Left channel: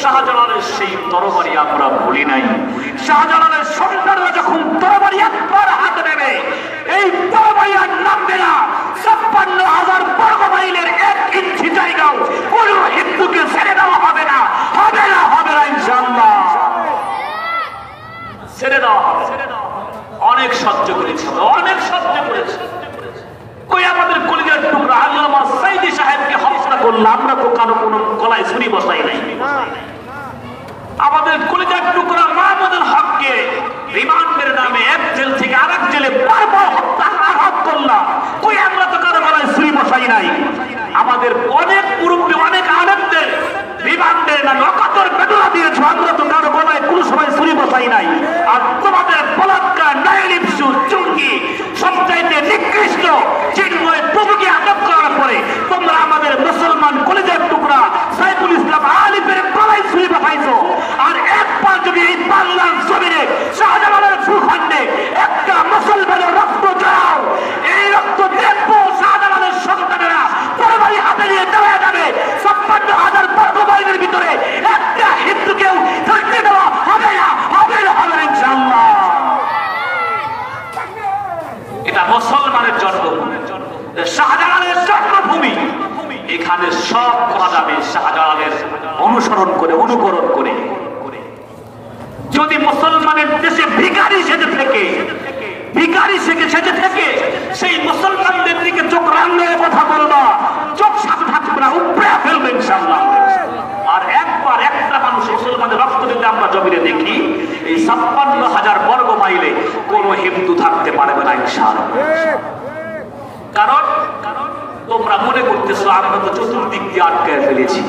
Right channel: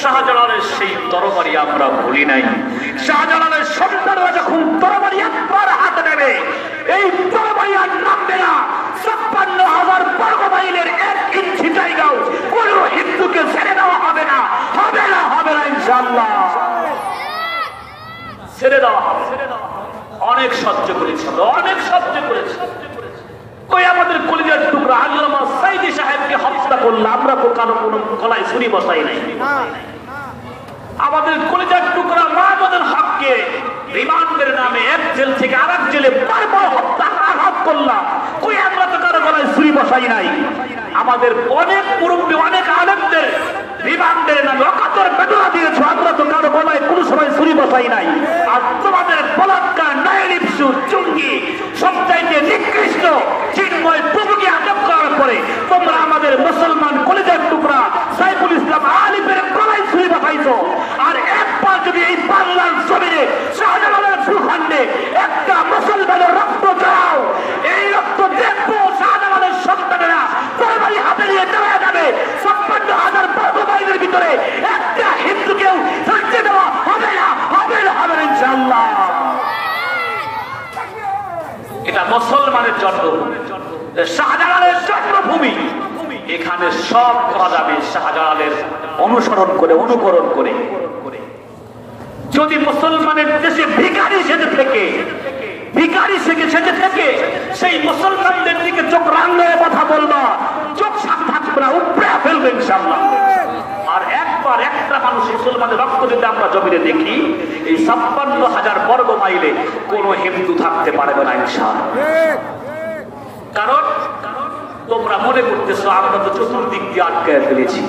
শাহজালালের সেই তরবারি আমরা ভুলি নাই। শাহজালালের সন্তানরা যখন তরবারি একবার হাতে নেবে, এই তরবারি আর নামবে না ৫৬,০০০ বর্গ মাইলের ১ ইঞ্চি জায়গাও কোন হিন্দুকে ছেড়ে দেওয়া হবে না, হবে না, হবে না ইনশাআল্লাহ। ছেড়ে দাও। অনেক সহ্য করেছে, অনেক সহ্য করেছে। ওই আমাদের কলিজার টুকরা আল্লামা সাইদি সাহেবকে হত্যা করলাম, আমরা তো কারো কোনো গলায় ছুরি বসাই নাই। আমাদের কলিজার টুকরা মাহমুদুল হককে রিমান্ডের নামে এক জেল থেকে আরেক জেলে বারবার হত্যা আঘাত করলাম, কই আমরা তো কারো গলায় ছুরি বসাই নাই। আমাদের অনেক মুরব্বী, অনেক আলেমদের রিমান্ডের নামে অকাতর বেদনা দিয়েছে, আমরা তো কারো গলায় কোনো সময় ছুরি বসাই নাই। আর তোমাদের বলাৎকার, নাইলিপসু, চুঙ্গি সবচাইতে নিকৃষ্ট চিন্ময় প্রভুকে আটক করার পরে তোমরা আমাদের মুসলমান কলিজার টুকরা সাইফুল ইসলাম আলিফের গলায় ছুরি বসাইছো। আর একবার যদি এই বাংলার জমিনে শাহজালালের ভূখণ্ডে একটা মুসলমানের রক্ত চড়াও, এই রক্ত দেখবো শাহজালালের সন্তানেরা তরবারি হাতে নিয়ে দাঁড়িয়ে যাবে। ৫৬,০০০ বর্গ মাইলের ভিতরে একটা হিন্দুকেও থাকতে দেওয়া হবে না, হবে না, হবে না ইনশাআল্লাহ। এটা মুসলমানের জন্মভূমি, শাহজালালের জন্মভূমি। এখানে সব করা যাবে শাহজালালের অনুসরণ করে, অনুকরণ করে। যদি মুসলমানের দেশে ভিখারি সেজে থেকে, ভিখারি সেজে থেকে সেই মুসলমানদের দিকে চোখ রাঙিয়ে কথা বলবা, চোখ সাক্ষাৎ করা উপড়ে ফেলবে ইনশাআল্লাহ। আর একবার একটা মানুষ মুসলমানের রক্ত যদি আমরা জমিনে দেখি, এই ৫৬,০০০ বর্গ মাইলে কোন হিন্দু থাকতে পারবে না ইনশাআল্লাহ। কারণ তোমরা মনে করতেছো আমরা তো চতুর্দিক দিয়ে আটকায় ফেলেছি।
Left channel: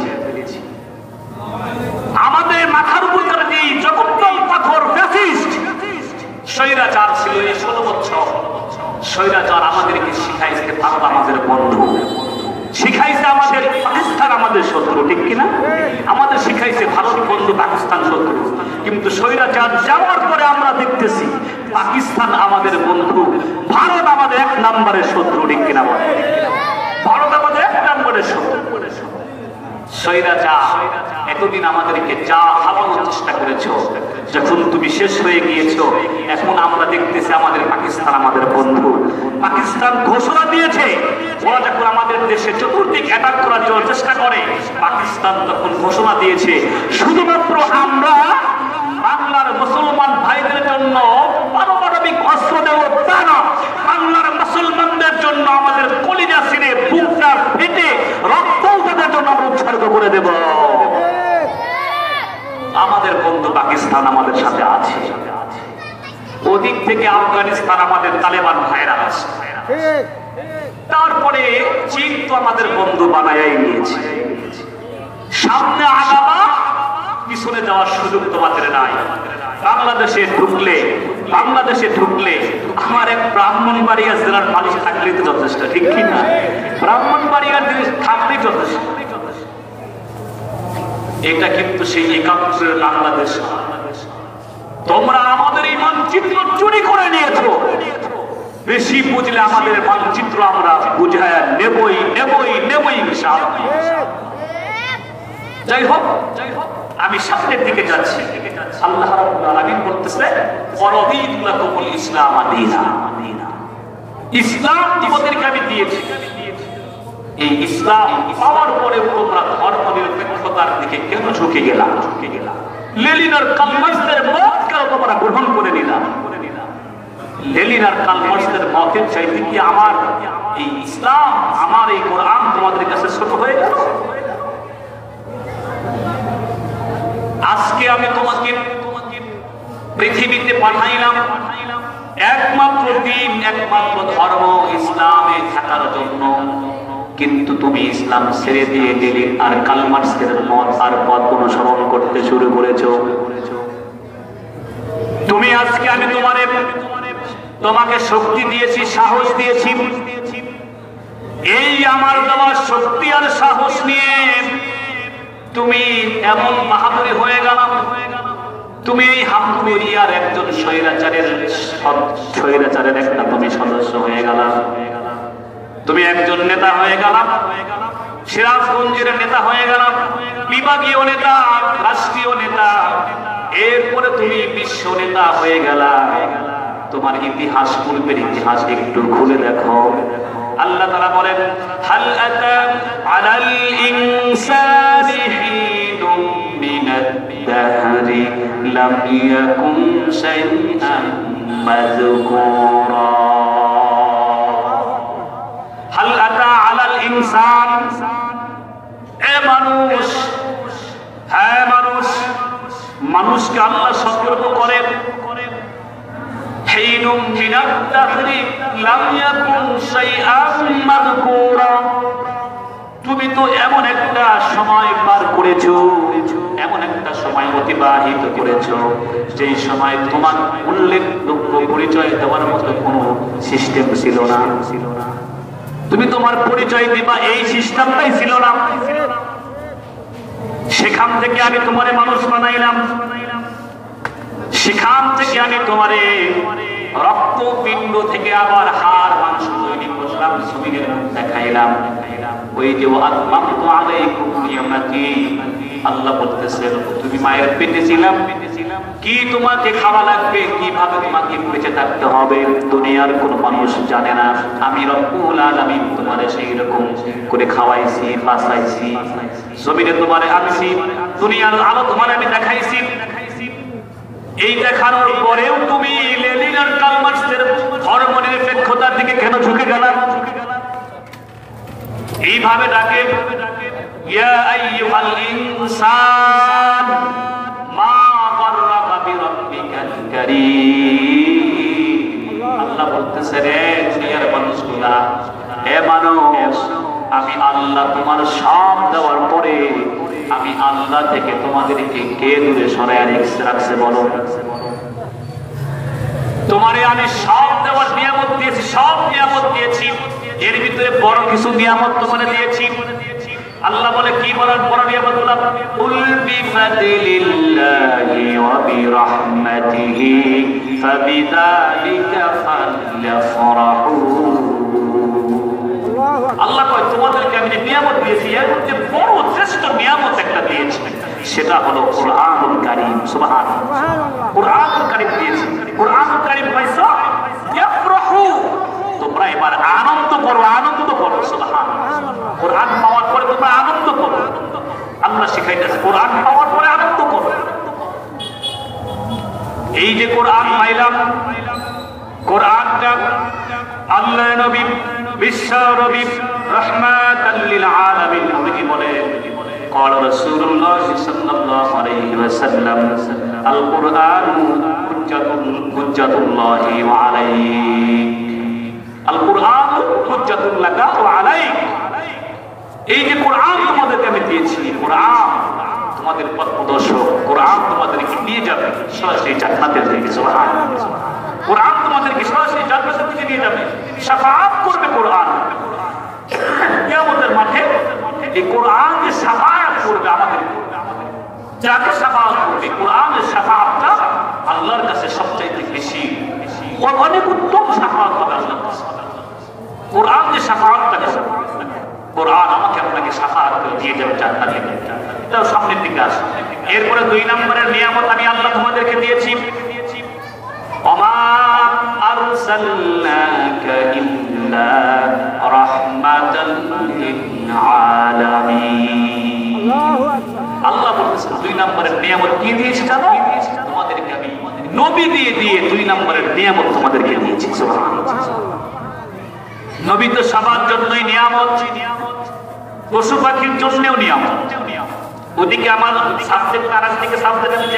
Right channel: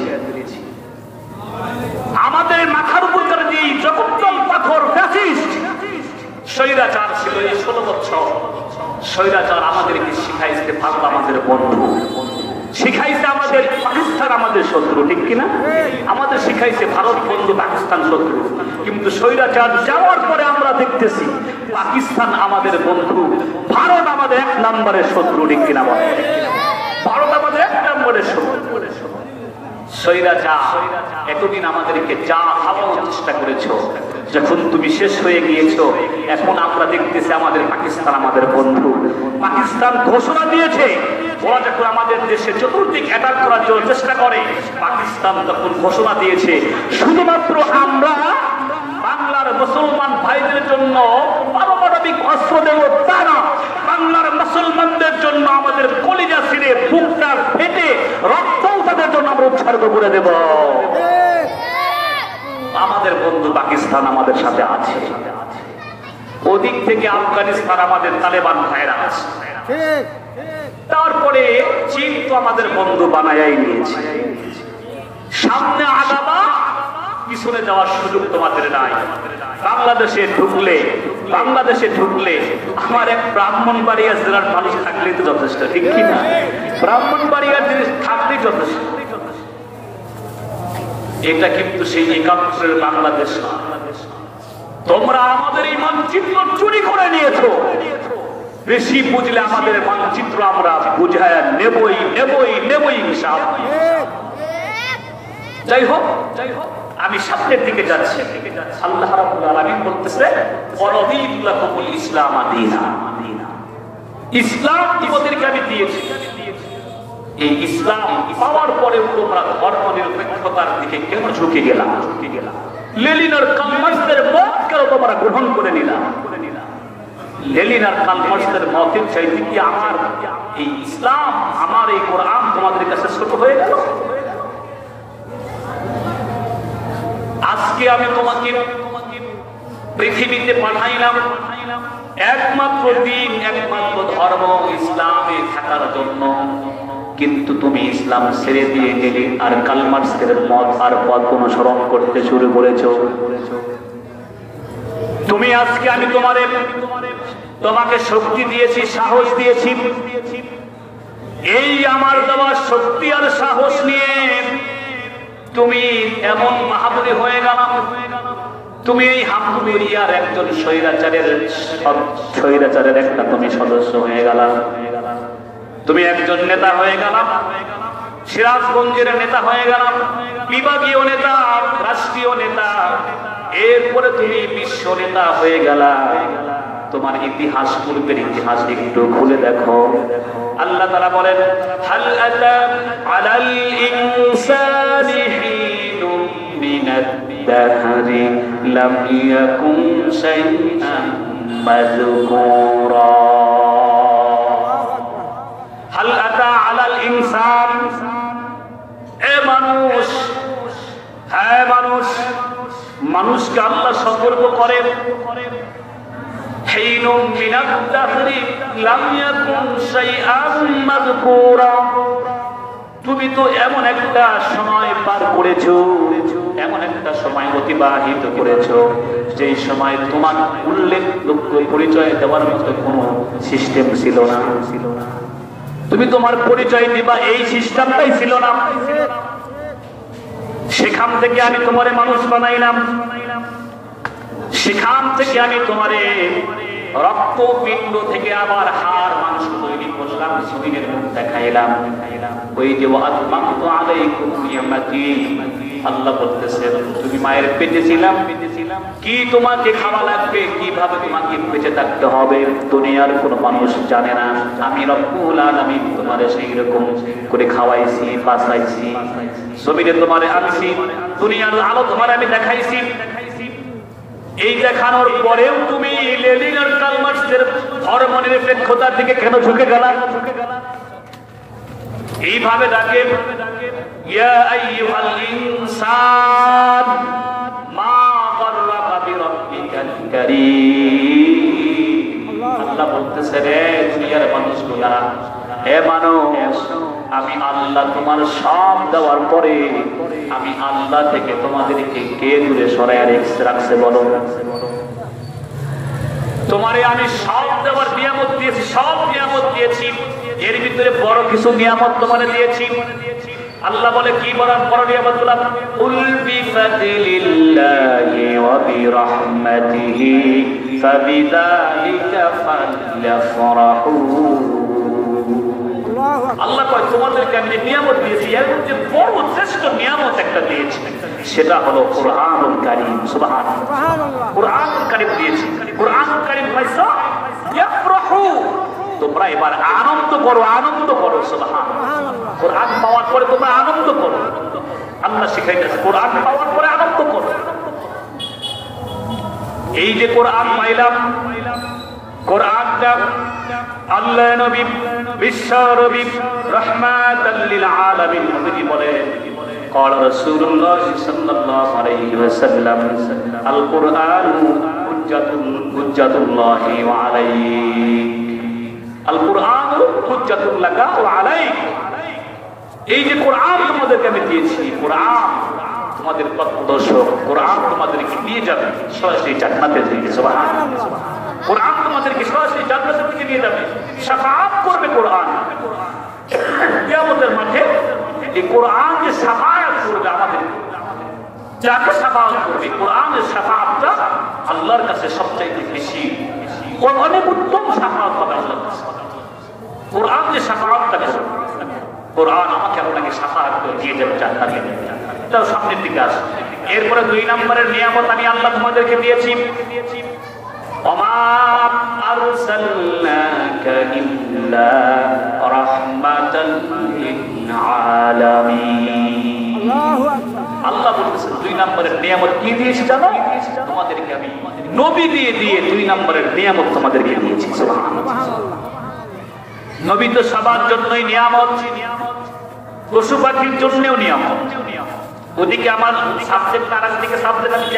আমাদের মাথার উপর যে জগদ্দল পাথর ফ্যাসিস্ট স্বৈরাচার ছিল, এই ১৬ বছর স্বৈরাচার আমাদেরকে শিখাইছে বাংলা আমাদের বন্ধু, শিখাইছে আমাদের পাকিস্তান আমাদের শত্রু, ঠিক কিনা? আমাদের শিখাইছে ভারত বন্ধু, পাকিস্তান শত্রু। কিন্তু স্বৈরাচার যাওয়ার পরে আমরা দেখতেছি পাকিস্তান আমাদের বন্ধু, ভারত আমাদের ১ নম্বরের শত্রু, ঠিক কিনা? ভারত আমাদের ১ নম্বরের শত্রু। স্বৈরাচার এতদিন আমাদেরকে যা খাওয়ানোর চেষ্টা করেছো, যখন তুমি শেষ হয়ে গিয়েছো, এখন আমরা দেখতেছি আমাদের পাকিস্তান আমাদের বন্ধু। পাকিস্তান ঘোষণা দিয়েছে ওরা যখন আমাদের দেশে চতুর্দিক অ্যাটাক করার জন্য চেষ্টা করে, পাকিস্তান তখন ঘোষণা দিয়েছে শুধুমাত্র আমরা বাংলার মুসলমান ভাইদের জন্য পারমাণবিক অস্ত্র দেব তা না, বাংলার মুসলমানদের জন্য আমাদের কলিজা ছিঁড়ে বুকটা ফেটে রক্তও তাদের জন্য আমরা উৎসর্গ করে দেব। আমাদের বন্ধু পাকিস্তান আমাদের সাথে আছে, ওদিক থেকে আফগানিস্তান আমাদের তালেবান ভাইরা আছে, তারপরে চীন তো আমাদের বন্ধু বানাই নিয়েছে। সামনে আগাবা, পিছনে যাওয়ার সুযোগ তোমাদের নাই। বাংলাদেশে ঢুকলে আমার এক ব্রাহ্মণবাড়িয়া জেলার মানুষ থাকলেই তো যথেষ্ট, ঠিক কিনা? ব্রাহ্মণবাড়িয়ার জিনিস থাকলেই যথেষ্ট। এটা কিন্তু সেই একাত্তরের বাংলাদেশ। তোমরা আমাদের এই মানচিত্র চুরি করে নিয়েছো। বেশি বুঝলে আমাদের মানচিত্র আমরা বুঝায় নেবই নেবই নেবই ইনশাআল্লাহ। যাই হোক, আমি সামনের দিকে যাচ্ছি। আল্লাহ রাব্বুল আলামিন বলতেছে ওয়ারাদিতু লাকুমুল ইসলাম দীনা, ইসলাম তোমাদেরকে আমি দিয়েছি। এই ইসলাম পাওয়ার পরে তোমরা ধর্মনিরপেক্ষতার দিকে কেন ঝুঁকে গেলা? লেনিন আর কার্ল মার্ক্সের মত কেন তোমরা গ্রহণ করে নিলাম? লেনিন আর কার্ল মার্ক্সের মতের চাইতে কি আমার এই ইসলাম, আমার এই কোরআন তোমাদের কাছে ছোট হয়ে গেল? আজকে আমি তোমাকে পৃথিবীতে পাঠাইলাম একমাত্র দিন, একমাত্র ধর্ম ইসলামে থাকার জন্য, কিন্তু তুমি ইসলাম ছেড়ে দিয়ে গেলে আর কার্ল মার্ক্সের মত আর পথ অনুসরণ করতে শুরু করেছ। তুমি আজকে আমি তোমাকে শক্তি দিয়েছি, সাহস দিয়েছি, এই আমার দেওয়া শক্তি আর সাহস নিয়ে তুমি এমন বাহাদুরি হয়ে গেল, তুমি এই হামদুলিয়ার একজন স্বৈরাচারের একটা তুমি সদস্য হয়ে গেল, তুমি একজন নেতা হয়ে গেল। সিরাজগঞ্জের নেতা হয়ে গেলাম, বিভাগীয় নেতা, রাষ্ট্রীয় নেতা, এরপরে তুমি বিশ্ব নেতা হয়ে গেলা। তোমার ইতিহাস, পূর্বের ইতিহাস একটু খুলে দেখো। আল্লাহ তাআলা বলেন, হাল আতা আলাল ইনসানি হিনুম মিনাদ দাহরি লাম ইয়াকুন শাইআন মাযকুরা। হাল আতা আলাল ইনসান, এ মানুষ, হ্যাঁ মানুষ, মানুষকে আল্লাহ সতর্ক করেন, হিনুম মিনাদ দাহরি লাম ইয়াকুন শাইআন মাযকুরা। তুমি তো এমন একটা সময় পার করেছো, এমন একটা সময় অতিবাহিত করেছো, যেই সময় তোমার উল্লেখযোগ্য পরিচয় দেওয়ার মতো কোনো সিস্টেম ছিল না। তুমি তোমার পরিচয় দিবা এই সিস্টেমটাই ছিল না। সেখান থেকে আমি তোমারে মানুষ বানাইলাম, সেখান থেকে আমি তোমারে রক্তপিণ্ড থেকে আবার হাড় মাংস তৈরি করলাম, শরীরের মুখ দেখাইলাম। ওই যে আতমামতু আলাইকুম নিয়ামতি, আল্লাহ বলতেছেন তুমি মায়ের পেটে ছিলাম, কি তোমাকে খাওয়া লাগবে, কিভাবে তোমাকে বেঁচে থাকতে হবে, দুনিয়ার কোনো মানুষ জানে না। আমি রব্বুল আলামিন তোমারে সেই রকম করে খাওয়াইছি, বাঁচাইছি, জমিনে তোমারে আনছি, দুনিয়ার আলো তোমারে আমি দেখাইছি। এই দেখানোর পরেও তুমি লেনিন আর কার্ল মার্ক্সের ধর্মনিরপেক্ষতার দিকে কেন ঝুঁকে গেলাম? এইভাবে ডাকে, ইয়া আইয়ুহাল ইনসান মা গাররাকা বিরাব্বিকাল কারীম। আল্লাহ বলতেছে, রে দুনিয়ার মানুষগুলা, হে মানুষ, আমি আল্লাহ তোমার সব দেওয়ার পরে আমি আল্লাহ থেকে তোমাদেরকে কে দূরে সরায় রাখছে বলো? তোমারে আমি সব দেওয়ার নিয়ামত দিয়েছি, সব নিয়ামত দিয়েছি, এর ভিতরে বড় কিছু নিয়ামত তোমারে দিয়েছি। আল্লাহ বলে, কি বলার বড় নিয়ামত? কুল বিফাদিলিল্লাহি ওয়া বিরাহমাতিহি ফাবিযালিকা ফালইফরাহু। আল্লাহ কয়, তোমাদেরকে আমি নিয়ামত দিয়েছি, এর মধ্যে বড় শ্রেষ্ঠ নিয়ামত একটা দিয়েছি, সেটা হলো কুরআনুল কারীম। সুবহানাল্লাহ, কুরআনুল কারীম দিয়েছি। কুরআনুল কারীম পাইছো, ইফরাহু, তোমরা এবার আনন্দ করো, আনন্দ করো। সুবহানাল্লাহ, কুরআন পাওয়ার পরে তোমরা আনন্দ করো। আল্লাহ শিখাইতেছে, কোরআন পাওয়ার পরে আনন্দ করো। এই যে কোরআন পাইলাম, কোরআনটা আল্লাহ নবী, বিশ্ব নবী, রাহমাতাল লিল আলামিন নবী বলেন, قال رسول الله صلى الله عليه وسلم القرآن حجة الله وعليك القرآن حجة لك وعليك। এই যে কোরআন তোমাদেরকে আমি দিয়েছি, কোরআন তোমাদের পথপ্রদর্শক, কোরআন তোমাদেরকে নিয়ে যাবে সরাসরি জান্নাতের দিকে। সুবহানাল্লাহ, কোরআন তোমাদেরকে সরাসরি জান্নাতের দিকে নিয়ে যাবে, শাফাআত করবে কোরআন কিয়ামতের মাঠে। এই কোরআন যে শাফাআত করবে আমাদের, যাকে শাফাআত করবে, কোরআনের শাফাআতটা আল্লাহর কাছে সবচাইতে বেশি, অনেক উত্তম শাফাআত হবে আল্লাহর কাছে। কোরআন যে শাফাআতটা করবে, কোরআন আমাকে আপনাকে শাফাআত করে দিয়ে দেবে জান্নাতে। এটাও সামনের দিকে আসে। এরপরে 2 নম্বরের নিয়ামত আমি আল্লাহ তোমাদেরকে দিয়েছি, ওমা আরসালনাকা ইল্লা রাহমাতাল লিল আলামিন। আল্লাহ বলতেছেন 2 নম্বরের নিয়ামত কি দিয়েছি জানো? তোমাদেরকে আমি নবী দিয়ে 2 নম্বরের নিয়ামত তোমাদেরকে দিয়েছি। সুবহানাল্লাহ, নবী তো সবার জন্যই নিয়ামত, পশু পাখির জন্যও নিয়ামত। ওদিকে আমার সাবজেক্ট আর দিকে সাবজেক্ট আমি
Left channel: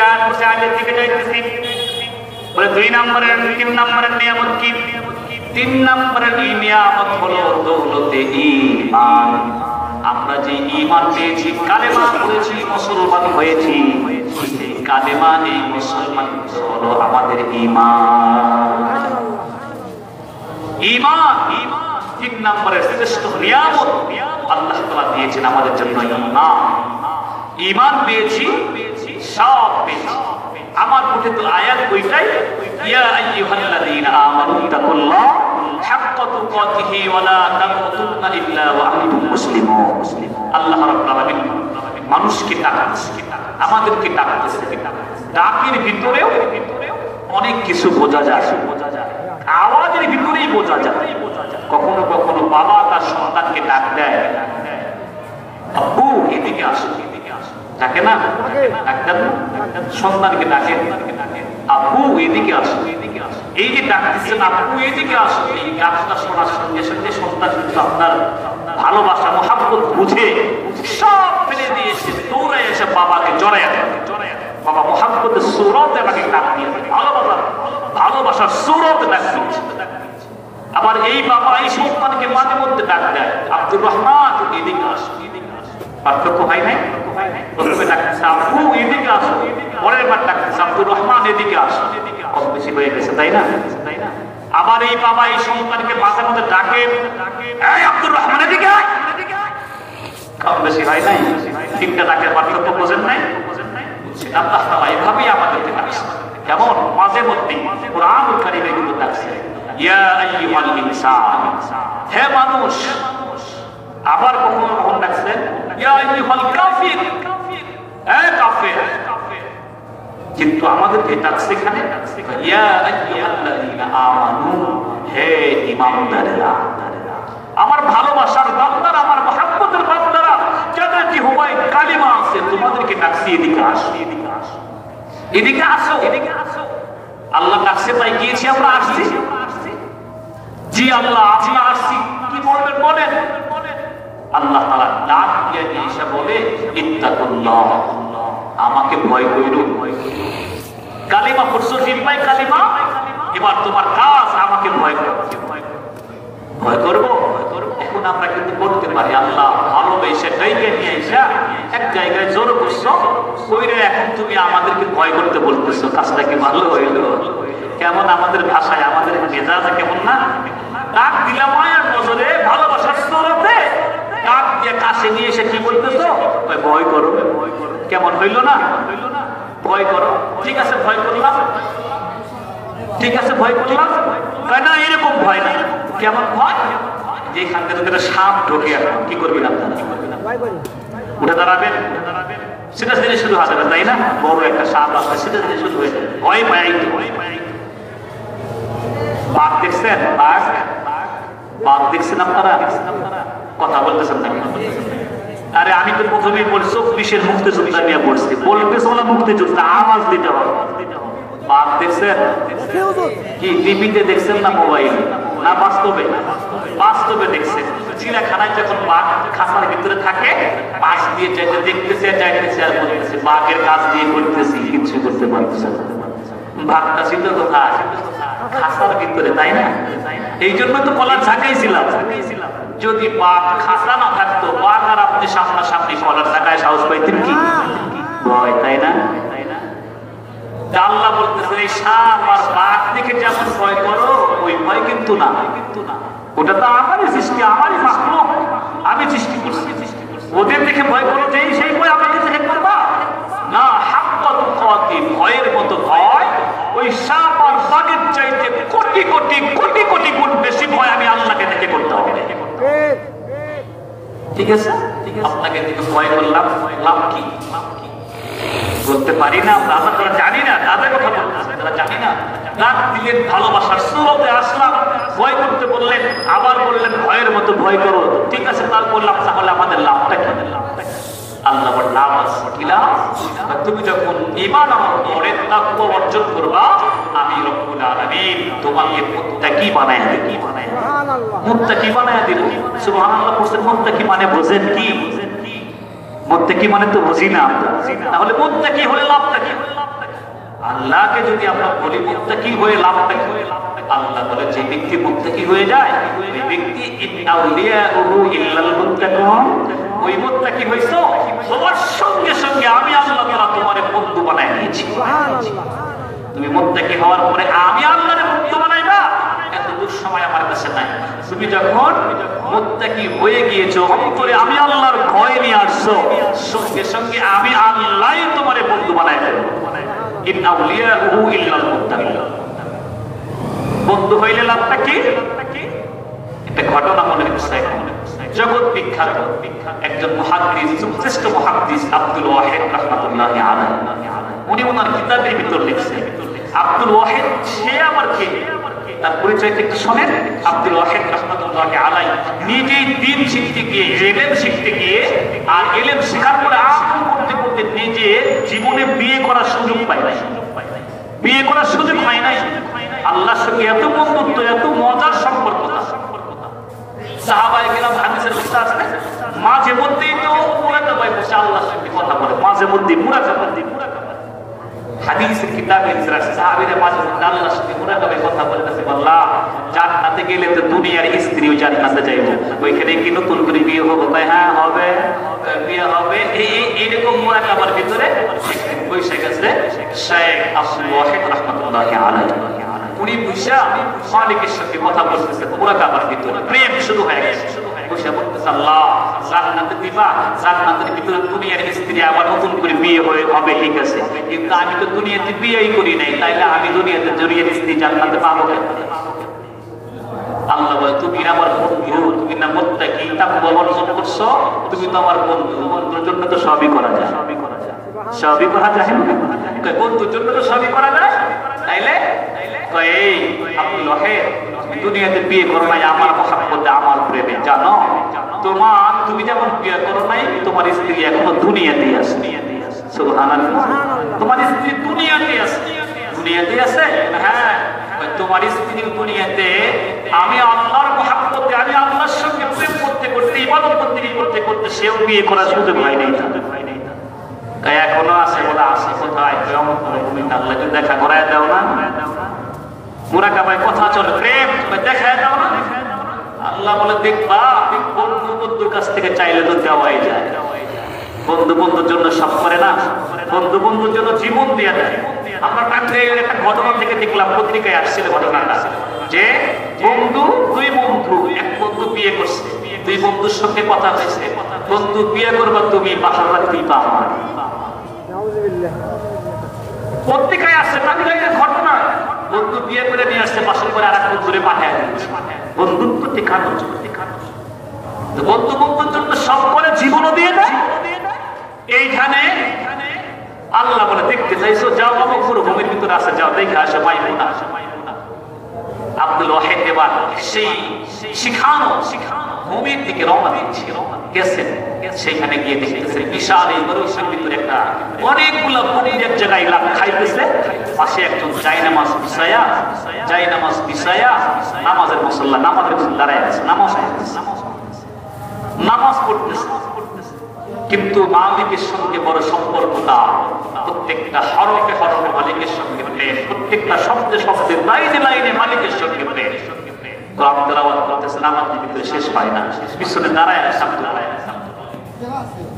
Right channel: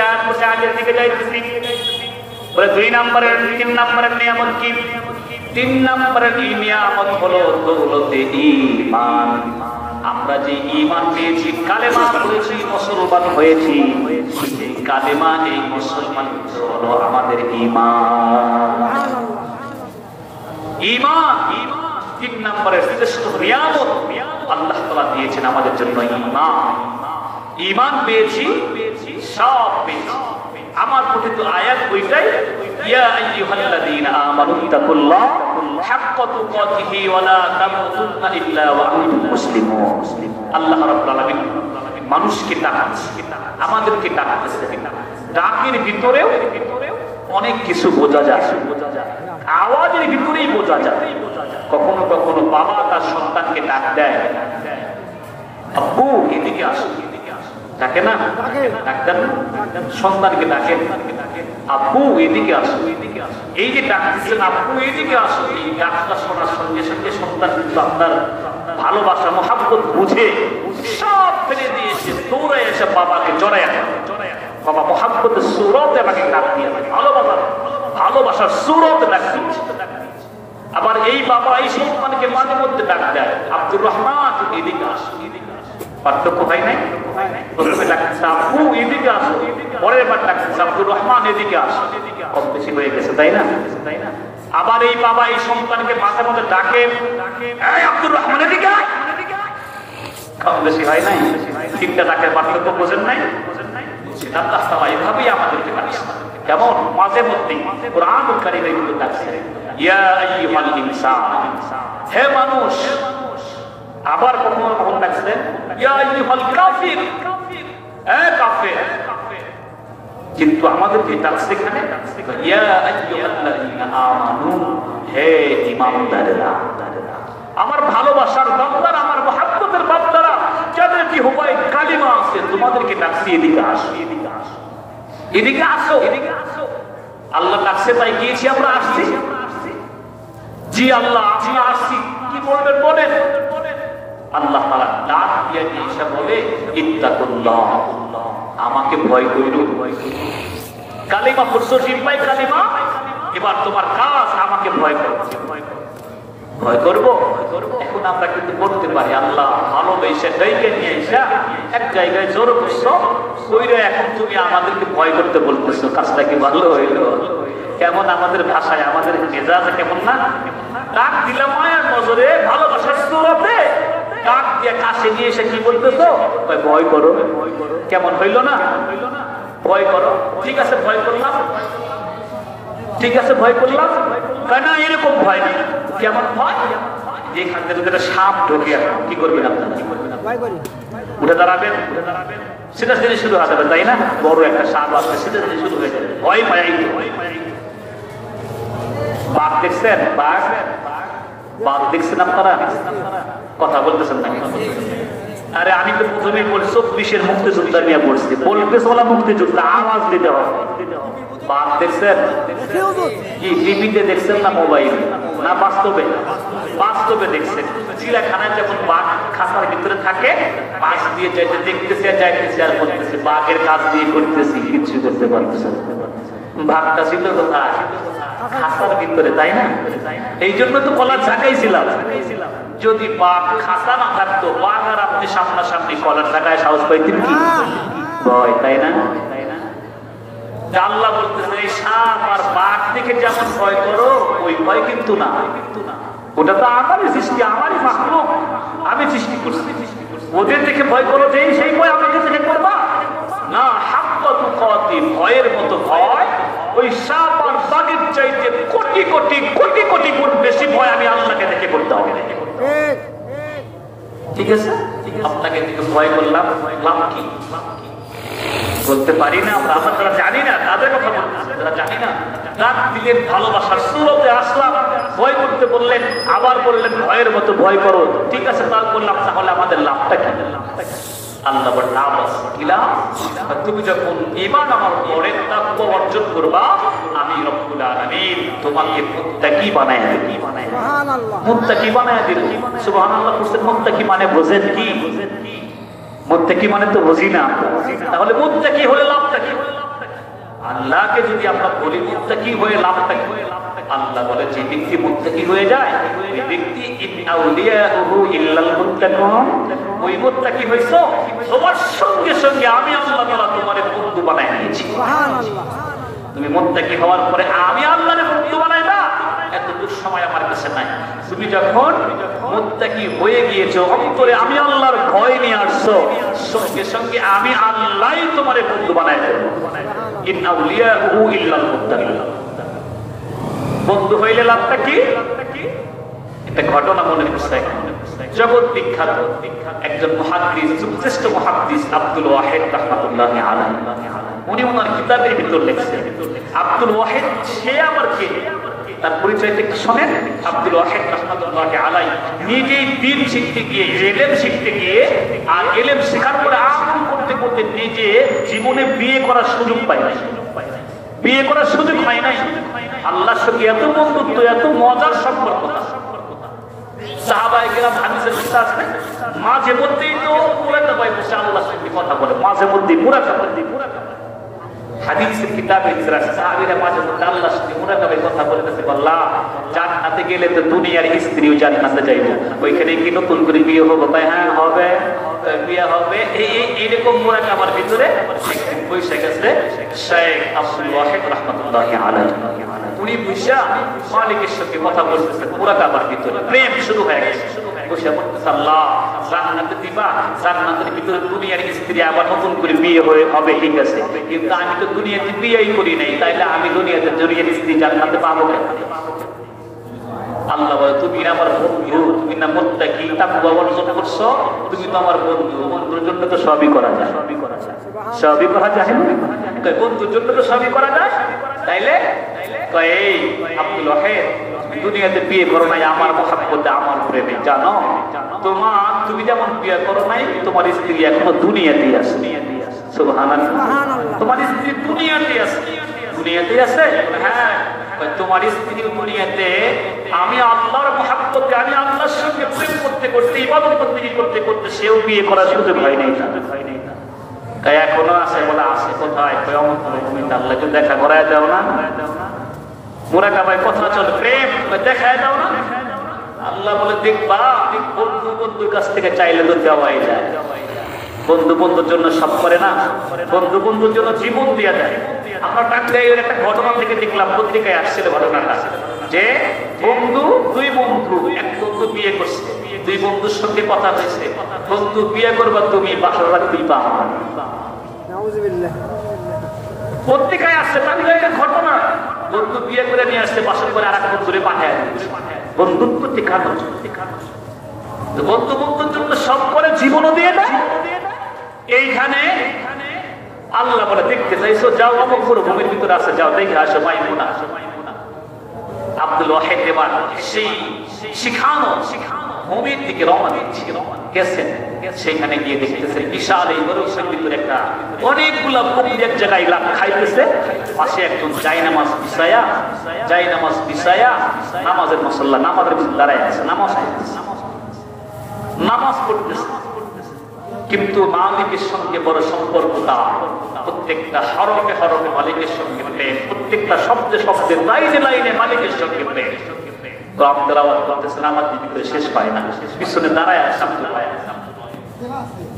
আগের দিকে যাইতেছি। 2 নম্বরের 3 নম্বরের নিয়ামত কি? 3 নম্বরের নিয়ামত হলো দৌলতে ঈমান। আমরা যে ঈমান পেয়েছি, কালেমা পড়েছি, মুসলমান হয়েছি, এই কালেমা, এই মুসলমান হলো আমাদের ঈমান। ঈমান 3 নম্বরের শ্রেষ্ঠ নিয়ামত আল্লাহ তাআলা দিয়েছেন আমাদের জন্য। ঈমান, ঈমান পেয়েছি, সব পেয়েছি। আমার পঠিত আয়াত ওইটাই, ইয়া আইয়ুহাল্লাযীনা আমানু তাকুল্লাহ হাক্কা তুকাতিহি ওয়া লা তামুতুন্না ইল্লা ওয়া আনতুম মুসলিমুন। আল্লাহ রাব্বুল আলামিন মানুষকে ডাকছে, আমাদেরকে ডাকতেছে। ডাকের ভিতরেও অনেক কিছু বোঝা যায়, আওয়াজের ভিতরেই বোঝা যায়। কখনো কখনো বাবা তার সন্তানকে ডাক দেয়, আব্বু এদিকে আসো, ডাকে না? ডাক্তার সন্তানকে ডাকে, আব্বু এদিকে আসো। এই যে ডাকতেছেন আব্বু এদিকে আসো, এই ডাকটা শোনার সঙ্গে সঙ্গে সন্তান কিন্তু আপনার ভালোবাসা মহাব্বত বুঝে সব ফেলে দিয়েছে, দৌড়ে এসে বাবাকে জড়ায় ধরে। বাবা মহাব্বতের সুরতে আমাকে ডাক দিয়ে, ভালোবাসার সুরতে ডাক দিয়েছে। আবার এই বাবা এই সন্তানকে মাঝে মধ্যে ডাক দেয়, আব্দুর রহমান এদিকে আসো। পার্থক্য হয় নাই? প্রথমে ডাকতেছে আব্বু এদিকে আসো, পরের বার ডাকতেছে আব্দুর রহমান এদিকে আসো। কত বেশি হয়ে গেছে, তাই না? আবার এই বাবা এই সন্তানকে মাঝে মধ্যে ডাকে, এই আব্দুর রহমান এদিকে আয়। কত বেশি হয় নাই? তিনটা ডাকের পার্থক্য বোঝেন নাই? আল্লাহ তাআলা এভাবেই আমাদেরকে ডাকছে। কেমন? মাঝে মধ্যে কোরআনুল কারীমে কিন্তু ডাকছে, ইয়া আইয়ুহাল ইনসান, হে মানুষ। আবার কখনো কখনো ডাকছেন, ইয়া আইয়ুহাল কাফির, হে কাফের। কিন্তু আমাদেরকে ডাকছে এখানে, ইয়া আইয়ুহাল্লাযীনা আমানু, হে ঈমানদারেরা। আমার ভালোবাসার বান্দারা, আমার মহব্বতের বান্দারা, যাদের জিহ্বায় কালিমা আছে, তোমাদেরকে ডাকছি এদিকে আসো, এদিকে আসো, এদিকে আসো। আল্লাহ ডাকছে তাই গিয়েছি, আমরা আসছি। জি আল্লাহ আমরা আসছি, কি বলবেন বলেন? আল্লাহ তাআলা ডাক দিয়ে এসে বলে, ইত্তাকুল্লাহ, আমাকে ভয় করো। কালিমা পড়ছো, জিহ্বায় কালিমা, এবার তোমার কাজ আমাকে ভয় করো। ভয় করবো? এখন আমরা কিন্তু বলতে পারি, আল্লাহ ভালোবেসে ডেকে নিয়ে এসে এক জায়গায় জোর করছো, ওইটা এখন তুমি আমাদেরকে ভয় করতে বলতেছো। কাজটা কি ভালো হইলো? কেমন আমাদের ভাষায়, আমাদের মেজাজে কেমন না? ডাক দিলাম মায়ের নজরে, ভালোবাসার সুরতে ডাক দিয়ে কাছে নিয়ে এসে কি বলতেছো? ভয় করো। কেমন হইল না? ভয় করো। ঠিক আছে ভয় করলাম, ঠিক আছে ভয় করলাম। না এরকম ভয় না। কেমন ভয়? যেখান থেকে সাপ ঢোকে, কি করবেন আপনারা? উঠে দাঁড়াবেন, সেটা দিনে শুরু হবে, তাই না? বড় একটা সাপ আসবে, সেটা দিনে শুরু হয়ে যাবে। ভয় পাই। বাঘ দেখছেন? বাঘ দেখছেন আপনারা? কথা বলতেছেন না? আরে আমি তো প্রথমেই বলছি 24-এর মুক্তিযোদ্ধা নিয়ে বলছি, বলতেছ না মুক্তিযোদ্ধা, আওয়াজ দিতে হবে। বাঘ দেখছেন? কি টিভিতে দেখছেন না মোবাইল না বাস্তবে? বাস্তবে দেখছেন। চিড়িয়াখানায় যখন বাঘ খাঁচার ভিতরে থাকে, পাশ দিয়ে যাইতে দেখতেছে আর বলতেছে, বাঘের কাজ দিয়ে করতেছি, কিছু করতে পারতেছে না। বাঘটা ছিল কোথায়? খাঁচার ভিতরে, তাই না? এই জন্য তো কলার ঝাঁকাইছিলাম। যদি বাঘ খাঁচা না থাকতো, বাঘ আর আপনি সামনাসামনি কলার ঝাঁকায় সাহস পাইতেন কি? ভয়, তাই না? আল্লাহ বলতেছে, এই সাপ আর বাঘ থেকে যেমন ভয় করো, ওই ভয় কিন্তু না। ওটা তো আমারই সৃষ্টি, আমারই মাখলুক, আমি সৃষ্টি করছি। ওদের দেখে ভয় করো, যে সেই ভয় আমাকে দেখে করবা না। হাক্কা তুকাতি, ভয়ের মতো ভয় ওই সাপ আর বাঘের চাইতে কোটি কোটি কোটি কোটি গুণ বেশি ভয় আমি আল্লাহকে দেখে করতে হবে। ঠিক আছে? আপনাকে দেখে ভয় করলাম, লাভ কি? বলতে পারি না আমরা, আমরা যারা জানি না তাদের কথা বলতেছি, যারা জানি না। ডাক দিলেন, ভালোবাসার সুরতে আসলাম, ভয় করতে বললেন, আবার বললেন ভয়ের মতো ভয় করো। ঠিক আছে, তার বললাম, তাহলে আমাদের লাভটা কি? আল্লাহ বলেন, লাভ আছে। কি লাভ? তুমি যখন ঈমান আমার পরে তাকওয়া অর্জন করবা, আমি রব্বুল আলামিন তোমাকে মুত্তাকি বানায় দেব। মুত্তাকি বানায় দেব। সুবহানাল্লাহ। মুত্তাকি মানে বোঝেন কি? মুত্তাকি মানে তো বুঝি না। তাহলে মুত্তাকি হলে লাভটা কি? আল্লাহকে যদি আমরা বলি মুত্তাকি হয়ে লাভটা কি? আল্লাহ বলে, যে ব্যক্তি মুত্তাকি হয়ে যায়, ওই ব্যক্তি আউলিয়াউহু ইল্লাল মুত্তাকুন, ওই মুত্তাকি হইছো, সবার সঙ্গে সঙ্গে আমি আল্লাহ তাআলা তোমার বন্ধু বানায় নিয়েছি। তুমি মুত্তাকি হওয়ার পরে আমি আল্লাহর বন্ধু বানাইবা, এত দূর সময় আমার কাছে নাই। তুমি যখন মুত্তাকি হয়ে গিয়েছো, অন্তরে আমি আল্লাহর ভয় নিয়ে আসছো, সঙ্গে সঙ্গে আমি আল্লাহই তোমার বন্ধু বানায় দেব। ইন আউলিয়াউহু ইল্লাল মুত্তাকুন। বন্ধু হইলে লাভটা কি? ঘটনা মনে হচ্ছে জগৎ বিখ্যাত একজন মুহাদ্দিস, শ্রেষ্ঠ মুহাদ্দিস আব্দুল ওয়াহিদ রাহমাতুল্লাহি আলাইহি, উনি ওনার কিতাবের ভিতর লিখছেন আব্দুল ওয়াহিদ সে আবার কে, তার পরিচয় একটু শোনেন। আব্দুল ওয়াহিদ রাহমাতুল্লাহি আলাইহি নিজেই দ্বীন শিখতে গিয়ে, ইলম শিখতে গিয়ে, আর ইলম শেখার পরে আমল করতে করতে নিজে জীবনে বিয়ে করার সুযোগ পায় নাই, বিয়ে করার সুযোগ হয় নাই। আল্লাহর সঙ্গে এত বন্ধুত্ব, এত মজার সম্পর্ক। সাহাবায়ে কেরাম হাদিসের উস্তাদ আছেন, মাঝে মধ্যেই তো মুরাকাবায় বসে আল্লাহর সঙ্গে কথা বলে, মাঝে মধ্যেই মুরাকাবা। হাদিসের কিতাবে সাহাবীরা মাঝে মধ্যে আল্লাহর সঙ্গে মুরাকাবায় কথা বলতেছে, আল্লাহ জান্নাতে গেলে তো দুনিয়ার স্ত্রীও জান্নাতে যাইবো, ওইখানে কি নতুন করে বিয়ে হবে? তাই হ্যাঁ হবে, বিয়ে হবে। এইরকম মুরাকাবার ভিতরে বসে গেছে শেখ আব্দুল ওয়াহিদ রাহমাতুল্লাহি আলাইহি। উনি বসে মালিকের সঙ্গে কথা বলতেছে মুরাকাবার ভিতরে, প্রেম শুরু হয়ে গেছে। বসে বলতেছে, আল্লাহ জান্নাতে দিবা, জান্নাতের ভিতরে দুনিয়ার স্ত্রী আবার নতুন করে বিয়ে হবে, ঠিক আছে, কিন্তু আমি তো দুনিয়াতে বিয়েই করি নাই, তাইলে আমি দুনিয়াতে দুনিয়ার স্ত্রী জান্নাতে পাবো কেন? আল্লাহ বলে, তুমি আমার বন্ধু, তুমি না মুত্তাকি, তাকওয়া অর্জন করছো, তুমি তো আমার বন্ধু, বন্ধুর জন্য তো সবই করা যায়, সবই করা যায় না? বন্ধুর জন্য তো সবই করা যায়। তাইলে এই আব্দুল ওয়াহিদ, দুনিয়াতে বিয়ে করো নাই আমার মহাব্বতে, আমার প্রেমে, জানো তুমি যেমন বিয়ে করো নাই, তোমার স্ত্রী এখনো দুনিয়াতেই আছে। সুবহানাল্লাহ, তোমার স্ত্রী দুনিয়াতে আছে, দুনিয়াতে আছে। হ্যাঁ, তোমার স্ত্রী দুনিয়াতে, আমি আল্লাহর মহাব্বতে, আমি আল্লাহর সঙ্গে প্রেম করতে করতে, ইবাদত করতে করতে সেও বিয়ে করার সুযোগ হয় নাই। তাই এখনো আছে, বলে আছে কোথায়? আল্লাহ দেখা করায় দাও না, মুরাকাবায় কথা চলে, প্রেম দেখায় দাও না। আল্লাহ বলে, দেখবা বন্ধু বন্ধুর কাছ থেকে চাইলে তো দেওয়াই যায়। বন্ধু বন্ধুর জন্য সব করে না, বন্ধু বন্ধুর জন্য জীবন দিয়ে দেয়। আমরা টাঙ্গাইলের একটা ঘটনা থেকে দেখলাম, পত্রিকায় আসছিল ঘটনাটা, যে বন্ধু, দুই বন্ধু, এক বন্ধু বিয়ে করছে, দুই বন্ধুর সঙ্গে কথা হয়েছে, বন্ধু বিয়ে করবা তুমি, বাসর রাত দিবা আমার। পত্রিকায় আসছে টাঙ্গাইলের ঘটনা, বন্ধু বিয়ে করে নিয়ে আসছে, বাসর করে আর এক বন্ধুরে পাঠায় দিচ্ছে। বন্ধুত্ব টিকানোর জন্য, বন্ধু বন্ধুর জন্য সব করে, জীবনও দিয়ে দেয়। এইখানে আল্লাহ বলে, দেখতে চাইছো, যাও অমুক ভূমির ভিতরে আছে, যাও দেখে আসো মাইমুনা। আব্দুল ওয়াহিদ এবার সেই শিখানো ভূমির দিকে রওনা দিচ্ছে, গেছেন। সেখানে গিয়ে দেখতেছে বিশাল এই মরুভূমির ভিতরে একটা অনেকগুলা ভূমির এক জায়গায় লাভ খাইতেছে, পাশে একজন জায়নামাজ বিছায়া নামাজের মুসল্লা, নামাজের ভিতরে দাঁড়ায় আছে, নামাজ পড়তেছে। কিন্তু মালিকের সঙ্গে বড় সম্পর্কটা, প্রত্যেকটা হরফে হরফে মালিকের সঙ্গে প্রেম, প্রত্যেকটা শব্দে শব্দে, লাইনে লাইনে মালিকের সঙ্গে প্রেম। তো আপনারা বলতেছেন আমার ভিতরে শেষ পায় না, পিছনে দাঁড়ায়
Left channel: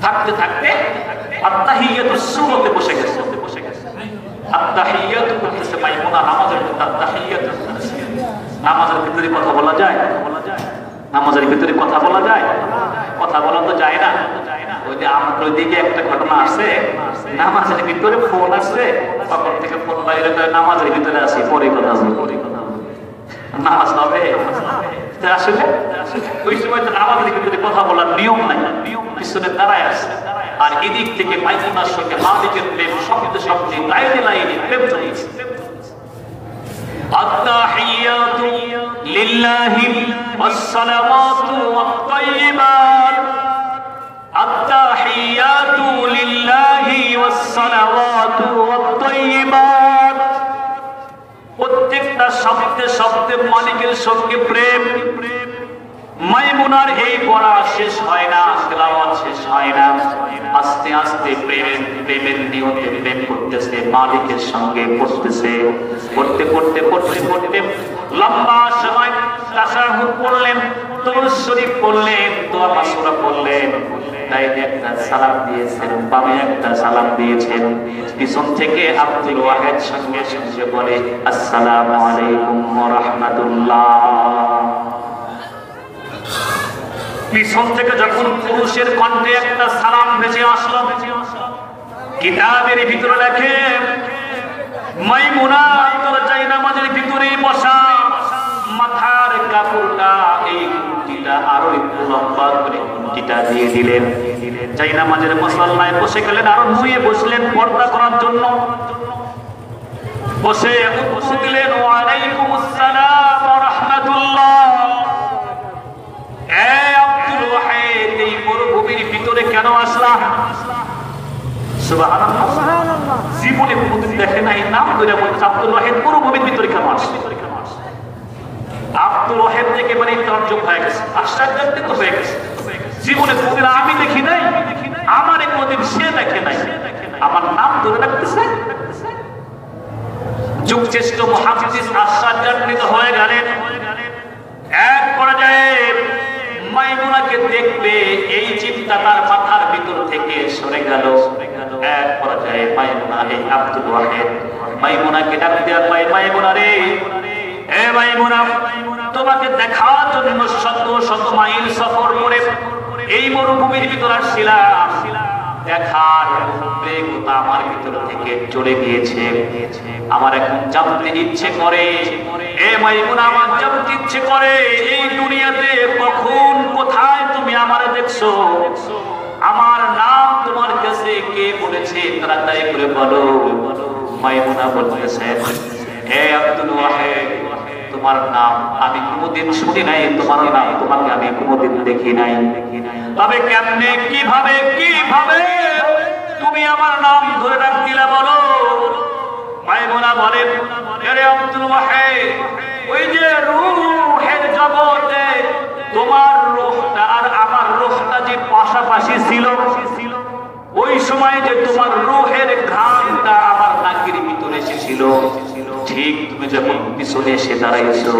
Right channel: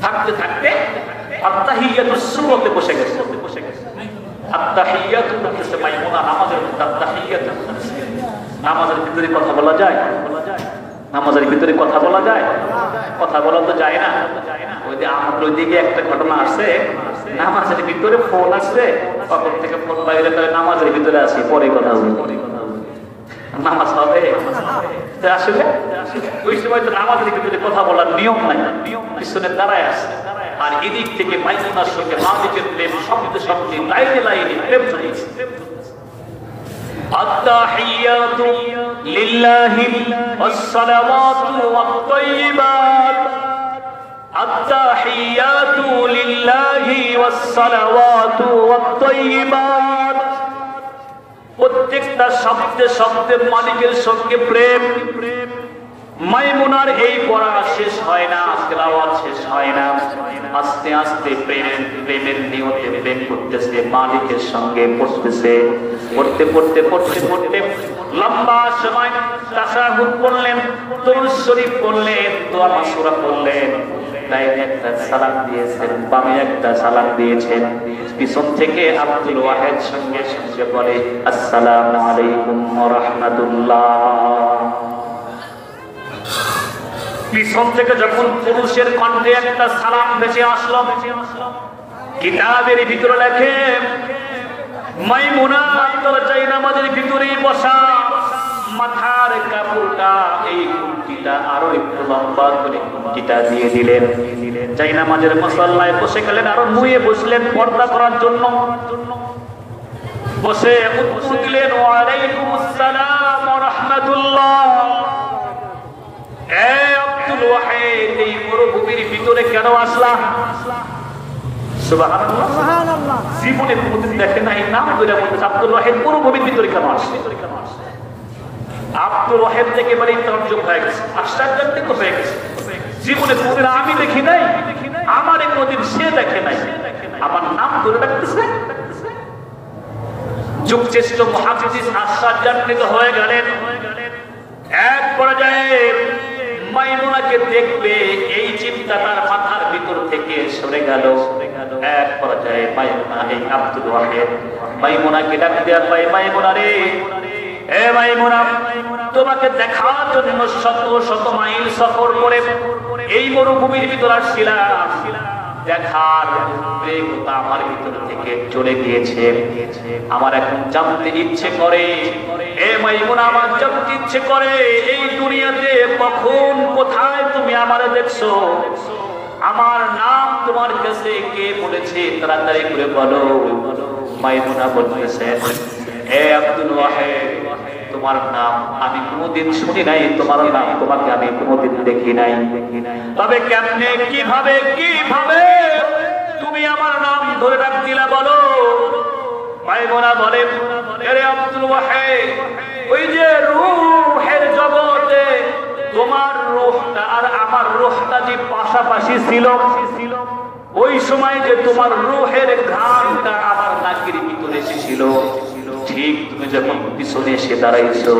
থাকতে থাকতে আত্তাহিয়াতুস সূরাতে বসে গেছে। আত্তাহিয়াতু করতেছে মাইমুনা, নামাজের ভিতরে আত্তাহিয়াতু করতেছে। নামাজের ভিতরে কথা বলা যায়? নামাজের ভিতরে কথা বলা যায়? কথা বলা তো যায় না। ওই যে আমার ওইদিকে একটা ঘটনা আছে, নামাজের ভিতরে ফোন আসছে, তখন থেকে ফোন বাইরে, নামাজের ভিতরে আসি, পরে কথা বলি, নামাজ হবে? আসলে ওই সময় তো নামাজের ভিতরে কথা বলার নিয়ম নাই, পিছনে দাঁড়ায় আছে। আর এদিক থেকে মাইমুনার সঙ্গে মালিকের প্রেম, শব্দে শব্দে, লাইনে লাইনে প্রেম চলেছে। আত্তাহিয়াতু লিল্লাহি ওয়াসসালাওয়াতু ওয়াত-তাইয়্যিবাত, আত্তাহিয়াতু লিল্লাহি ওয়াসসালাওয়াতু ওয়াত-তাইয়্যিবাত। প্রত্যেকটা শব্দে শব্দে মালিকের সঙ্গে প্রেম। মাইমুনার এই পড়া শেষ হয় না, তেলাওয়াত শেষ হয় না, আস্তে আস্তে প্রেমের নিয়তে প্রেম করতেছে, মালিকের সঙ্গে পড়তেছে। পড়তে পড়তে পড়তে পড়তে লম্বা সময় তাশাহুদ পড়লেন, দুরূদ শরীফ পড়লেন, দোয়া মাসুরা পড়লেন। ডাইনে একটা সালাম দিয়েছেন, বামে একটা সালাম দিয়েছেন। পিছন থেকে আব্দুল ওয়াহিদ সঙ্গে সঙ্গে বলে, আসসালামু আলাইকুম ওয়া রাহমাতুল্লাহ। পিছন থেকে যখন পুরুষের কণ্ঠে একটা সালাম ভেসে আসলো, কিতাবের ভিতরে লেখে মাইমুনা জায়নামাজের ভিতরে বসা, মাথার কাপড়টা এই ঘুমটিটা আরো একটু লম্বা করে ঘুমটিটা দিয়ে দিলেন। যাই নামাজের মুসল্লায় বসে গেলেন, আরো নুয়ে বসলেন পর্দা করার জন্য। বসে উত্তর দিলেন, ওয়ালাইকুম আসসালাম ওয়া রাহমাতুল্লাহ। আব্দুল ওয়াহিদ, এই মরুভূমির ভিতরে কেন আসলা? সুবহানাল্লাহ, জীবনে কোনদিন দেখে নাই, নাম ধরে বলছে আব্দুল ওয়াহিদ মরুভূমির ভিতরে কেন আসে? আব্দুল ওয়াহিদ থেকে মানে তর্জম হয়ে গেছে, আশ্চর্যান্বিত হয়ে গেছে। জীবনে কোনদিন আমি দেখি নাই, আমার কোনদিন সে দেখে নাই, আমার নাম ধরে রাখতেছে। যুগশ্রেষ্ঠ মুহাদ্দিস আশ্চর্যান্বিত হয়ে গেলেন। এক পর্যায়ে মাইমুনাকে দেখলে এই চিন্তা তার মাথার ভিতর থেকে সরে গেল। এক পর্যায়ে মাইমুনা, এই আব্দুল ওয়াহিদ মাইমুনাকে ডাক দেয়া, মাইমুনা রে, এ মাইমুনা, তোমাকে দেখার জন্য শত শত মাইল সফর করে এই মরুভূমির ভিতর আসছিলাম। দেখার উদ্বেগতা আমার ভিতর থেকে চলে গিয়েছে। আমার এখন জানতে ইচ্ছে করে, এ মাইমুনা, আমার জানতে ইচ্ছে করে এই দুনিয়াতে কখন কোথায় তুমি আমারে দেখছো? আমার নাম তোমার কাছে কে বলেছে? তাড়াতাড়ি করে বলো। মাইমুনা বলতেছে, হে আব্দুল ওয়াহিদ, তোমার নাম আমি কোনদিন শুনি নাই, তোমার নাম তোমাকে আমি কোনদিন দেখি নাই, তবে কেমনে কিভাবে তুমি আমার নাম ধরে রাখ দিলা বলো? মাইমুনা বলেন, হে আব্দুল ওয়াহিদ, ওই যে রূহের জগতে তোমার রূহটা আর আমার রূহটা যে পাশাপাশি ছিল, ওই সময় যে তোমার রূহের ঘ্রাণটা আমার নাকের ভিতরে এসেছিল, ঠিক তুমি যখন পিছনে এসে দাঁড়াইছো,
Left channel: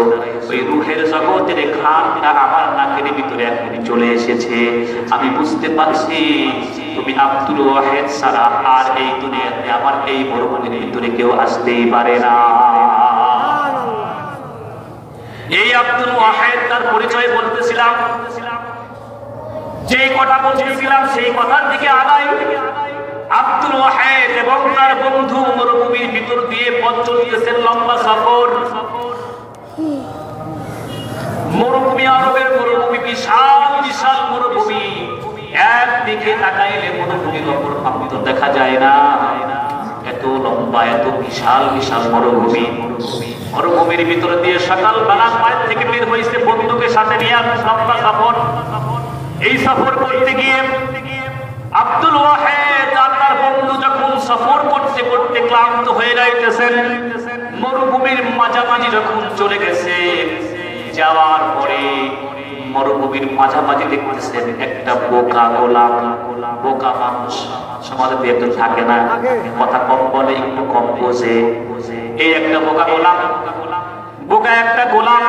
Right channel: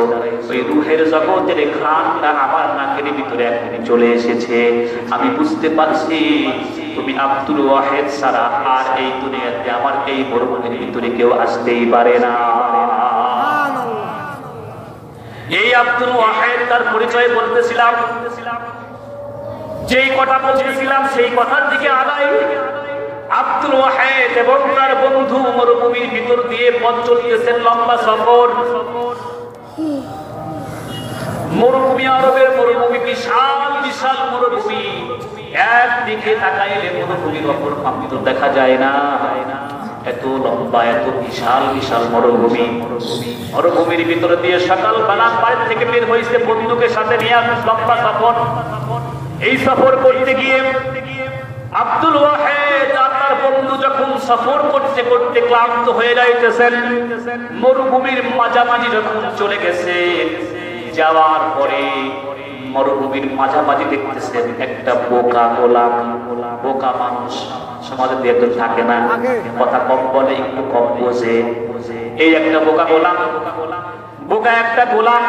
ওই রূহের জগতের ঘ্রাণটা আমার নাকের ভিতরে এখন চলে এসেছে। আমি বুঝতে পারছি তুমি আব্দুল ওয়াহিদ ছাড়া আর এই দুনিয়াতে আমার এই মরুভূমির ভিতরে কেউ আসতেই পারে না। এই আব্দুল ওয়াহিদ তার পরিচয় বলতেছিলাম, যেই কথা বলছিলাম সেই কথার দিকে আগাই। আব্দুল ওয়াহিদ এবং তার বন্ধু মরুভূমির ভিতর দিয়ে পথ চলতেছেন, লম্বা সফর। মরুভূমি, আরবের মরুভূমি, বিশাল বিশাল মরুভূমি। একদিকে তাকাইলে মরুভূমির অপর প্রান্ত দেখা যায় না, এত লম্বা, এত বিশাল বিশাল মরুভূমি। মরুভূমির ভিতর দিয়ে সকালবেলা বাড়ি থেকে বের হয়েছে বন্ধুকে সাথে নিয়ে লম্বা সফর। এই সফর করতে গিয়ে আব্দুল ওয়াহিদ আর তার বন্ধু যখন সফর করতে করতে ক্লান্ত হয়ে যাইতেছেন, মরুভূমির মাঝামাঝি যখন চলে গেছে, যাওয়ার পরে মরুভূমির মাঝামাঝি দেখতেছেন একটা বোকা গোলাম। বোকা মানুষ সমাজে একদম থাকে না, কথা কম বলে, একটু কম বোঝে। এই একটা বোকা গোলাম, বোকা একটা গোলাম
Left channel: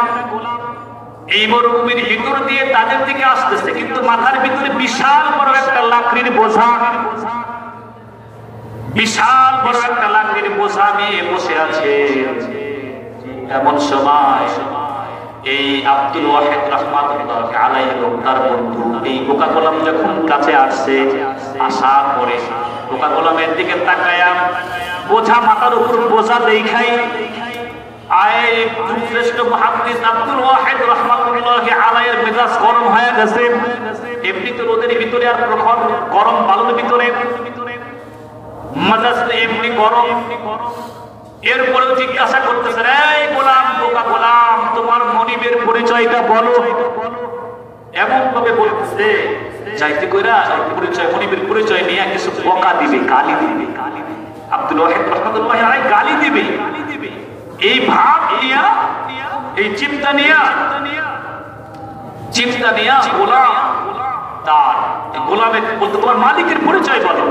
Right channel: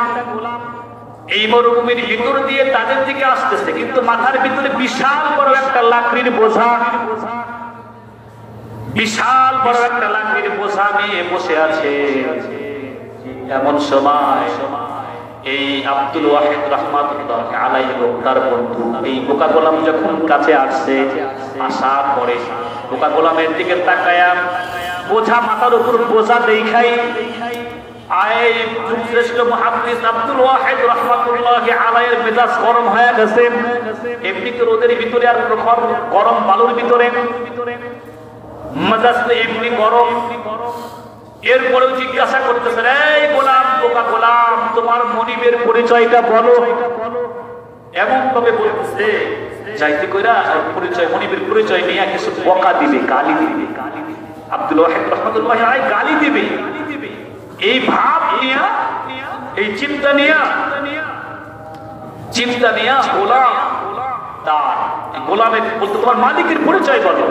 এই মরুভূমির ভিতর দিয়ে তাদের দিকে আসতেছে, কিন্তু মাথার ভিতরে বিশাল বড় একটা লাকড়ির বোঝা, বিশাল বড় একটা লাকড়ির বোঝা নিয়ে বসে আছে। এমন সময় এই আব্দুল ওয়াহিদ রাহমাতুল্লাহ আলাইহি তার বন্ধু এই বোকা গোলাম যখন কাছে আসছে, আসার পরে বোকা গোলামের দিকে তাকায়া বোঝা মাথার উপর বোঝা দেখাই শ্রেষ্ঠ মুহাদ্দিস আব্দুল ওয়াহিদ রাহমাতুল্লাহ আলাইহির মেজাজ গরম হয়ে গেছে। এমনিতে রোদের ভিতরে আর প্রখর গরম বালুর ভিতরে মেজাজ এমনি গরম। এরপরেও জিজ্ঞাসা করতেছেন, এই গোলাম, বোকা গোলাম, তোমার মনিবের পরিচয়টা বলো। এমন ভাবে বলতেছে যাইতে কইরা পরিচয়, মনিবের পরিচয় নিয়ে কিছু বকা দিবে, গালি দিবে। আব্দুল ওয়াহিদ রাহমাতুল্লাহ আলাইহি গালি দিবে, এই ভাব নিয়া, এই চিন্তা নিয়া গোলাম তার গোলামে বলতে, তোমার মালিকের পরিচয় বলো,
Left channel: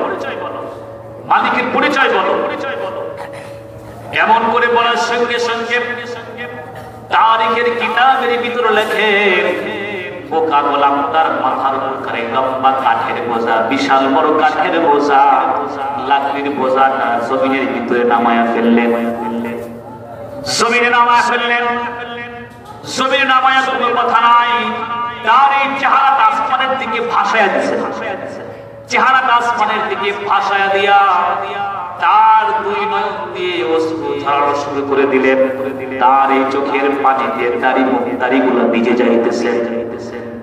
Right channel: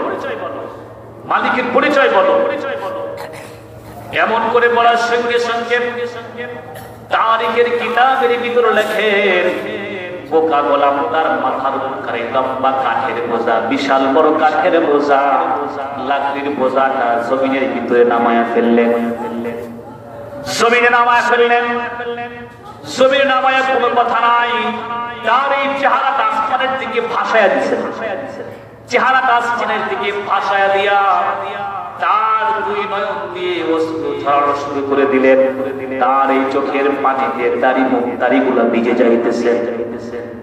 মালিকের পরিচয় বলো। এমন করে বলার সঙ্গে সঙ্গে তারিখের কিতাবের ভিতরে লেখেন, বোকা গোলাম তার মাথার উপরে লম্বা কাঠের বোঝা, বিশাল বড় কাঠের বোঝা, লাকড়ির বোঝাটা জমিনের ভিতরে নামায়া ফেললেন। জমিনে নামায়া কোনো কথা নাই, তার এই চেহারাটা আসমানের দিকে ভাসায়া দিছে, চেহারাটা আসমানের দিকে ভাসায়া দিয়া তার দুই নয়ন দিয়ে অশ্রু ঝরা শুরু করে দিলেন। তার এই চোখের পানিতে দাড়িগুলা ভিজে যাইতেছে।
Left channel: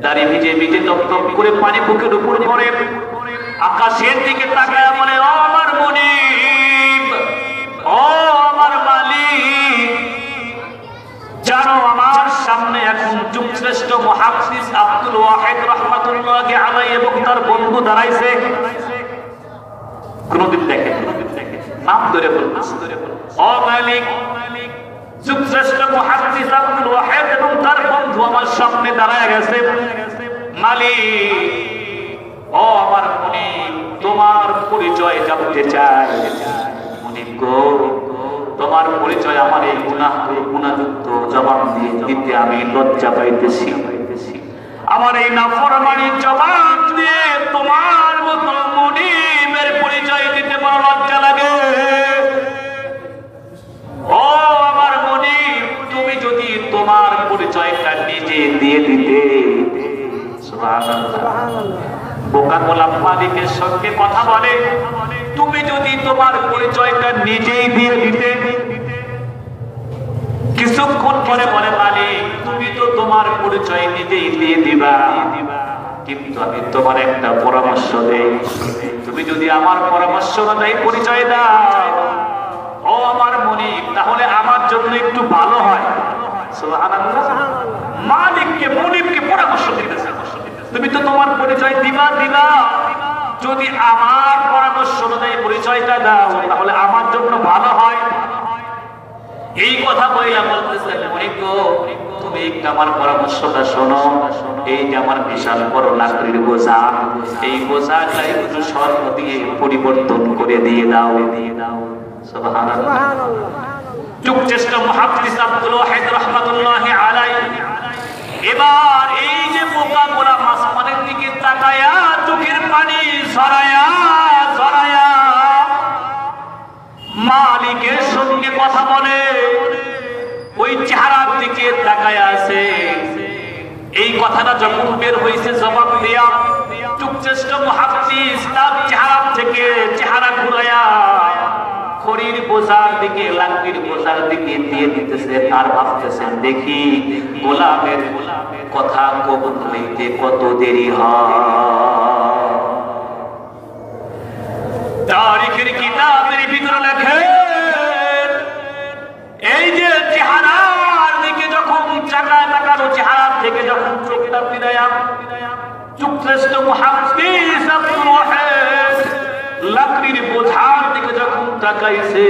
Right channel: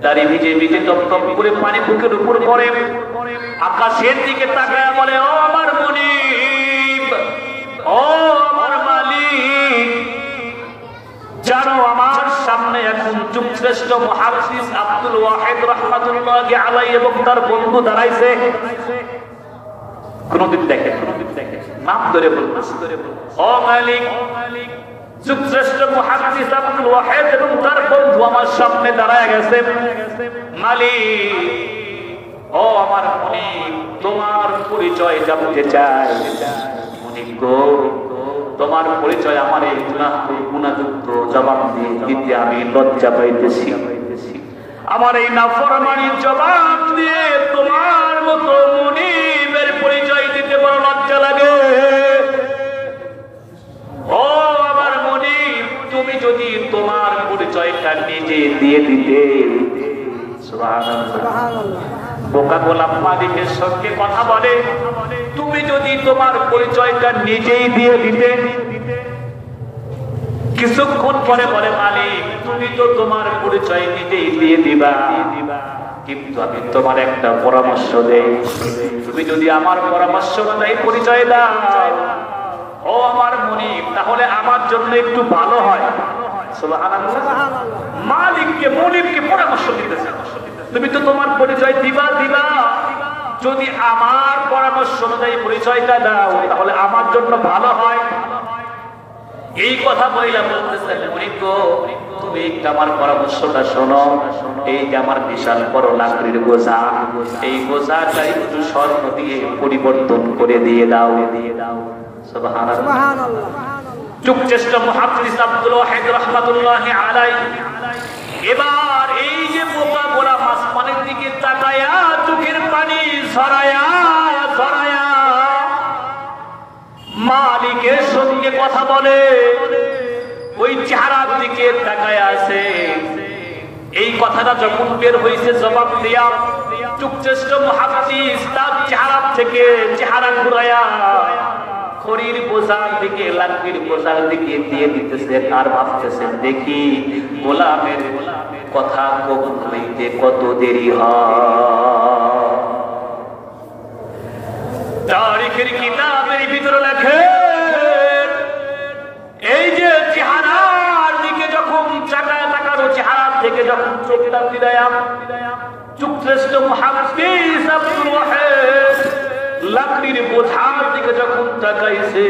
দাড়ি ভিজে ভিজে টপ করে পানি বুকের উপর পড়ে, আকাশের দিকে তাকায় বলে, ও আমার মুনিব, ও আমার মালিক, জানো আমার সামনে এখন যুগশ্রেষ্ঠ মুহাদ্দিস আব্দুল ওয়াহিদ রাহমাতুল্লাহি আলাইহি এবং তার বন্ধু দাঁড়াইছে। কোনদিন দেখে নাম ধরে বলতেছে, ও মালিক, যুগশ্রেষ্ঠ মুহাদ্দিস আব্দুল ওয়াহিদ এবং তার বন্ধু আমার সামনে দাঁড়ায় গেছে। মালিক, ও আমার মুনিব, তোমার পরিচয় জানতে চাই। মুনিব গো, তোমার পরিচয় আমার এই গুনাহযুক্ত জবাব দিতে আমি লজ্জা পাইতেছি। আমার এই নাফরমানির জবাব দিয়ে তোমার মতো মুনিবের পরিচয় দিতে বড় লজ্জা লাগে। ও আমার মুনিব, তুমি যদি তোমার পরিচয়টা নিজে দিয়ে দিতে। সুবহানাল্লাহ। বোকা গোলাম মালিকের সঙ্গে কথা বলে, তুমি যদি তোমার পরিচয়টা নিজেই দিয়ে দিতে। কিছুক্ষণ পরে বলে, মালিক, তুমি তো তোমার পরিচয় নিজেই দিয়ে দিবা, কিন্তু আমি তোমার একটা পরামর্শ দেই। তুমি যদি আমার পরামর্শ অনুযায়ী পরিচয় দাও, ও আমার মুনিব, তাহলে আমার জন্য একটু ভালো হয়। সুবহানাল্লাহ। মালিককে মুনিবকে পরামর্শ দিতেছে, তুমি তো তোমার পরিচয় দিবা, যদি আমার পরামর্শ অনুযায়ী পরিচয়টা দাও তাহলে আমার জন্য ভালো হয়। এই কথা বইলা বলতেছে, মুনিব গো, তুমি আমার পরামর্শটা শোনো। এই যে আমার বিশাল বড় লাকড়ির বোঝা, এই বোঝাটা একটু স্বর্ণ দিয়ে পরিবর্তন করে দিয়ে দাও। সুবহানাল্লাহ। যুগশ্রেষ্ঠ মুহাদ্দিস আব্দুল ওয়াহিদ রাহমাতুল্লাহি আলাইহি এবার এই যে বোকা গোরা আসমানের দিকে তাকায়া চোখের পানি সরায়া মালিকের সঙ্গে কথা বলে, ওই চেহারার দিকে তাকায়া আছে। এই কথাটা যখন বের হয়েছে জবাব দিয়া, যুগশ্রেষ্ঠ মুহাদ্দিস তার চেহারা থেকে চেহারা ঘুরায়া খড়ির বোঝার দিকে, লাকড়ির বোঝার দিকে দিয়ে দিতেছে। আর ভাবতেছেন, দেখি গোলামের কথা কবুল হইতে কত দেরি হয়। তারিখের কিতাবের ভিতরে লেখে, এই যে চেহারার দিকে যখন তাকানো, চেহারার থেকে যখন চোখটা ফিরায়া যুগশ্রেষ্ঠ মুহাদ্দিস আব্দুল ওয়াহিদ লাকড়ির বোঝার দিকে যখন তাকাইছে,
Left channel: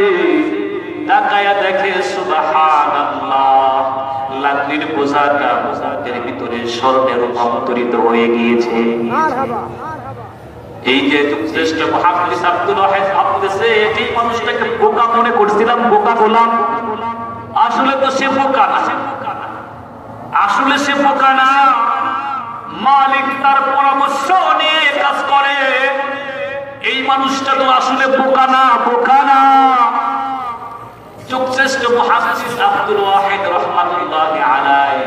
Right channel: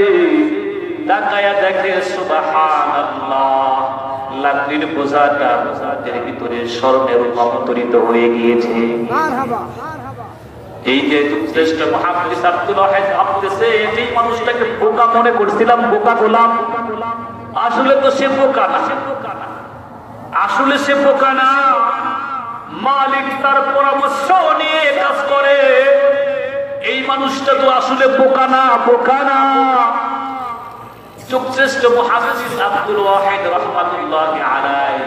তাকায়া দেখে সুবহানাল্লাহ, লাকড়ির বোঝাটা বোঝার ভিতরে স্বর্ণে রূপান্তরিত হয়ে গিয়েছে। এই যে যুগশ্রেষ্ঠ মুহাদ্দিস আব্দুল ওয়াহিদ ভাবতেছে, এই মানুষটাকে বোকা মনে করছিলাম, বোকা গোলাম, আসলে তো সে বোকা না, আসলে সে বোকা না। মালিক তার পরামর্শ নিয়ে কাজ করে। এই মানুষটা তো আসলে বোকা না। যুগশ্রেষ্ঠ মুহাদ্দিস আব্দুল ওয়াহিদ রাহমাতুল্লাহি আলাইহি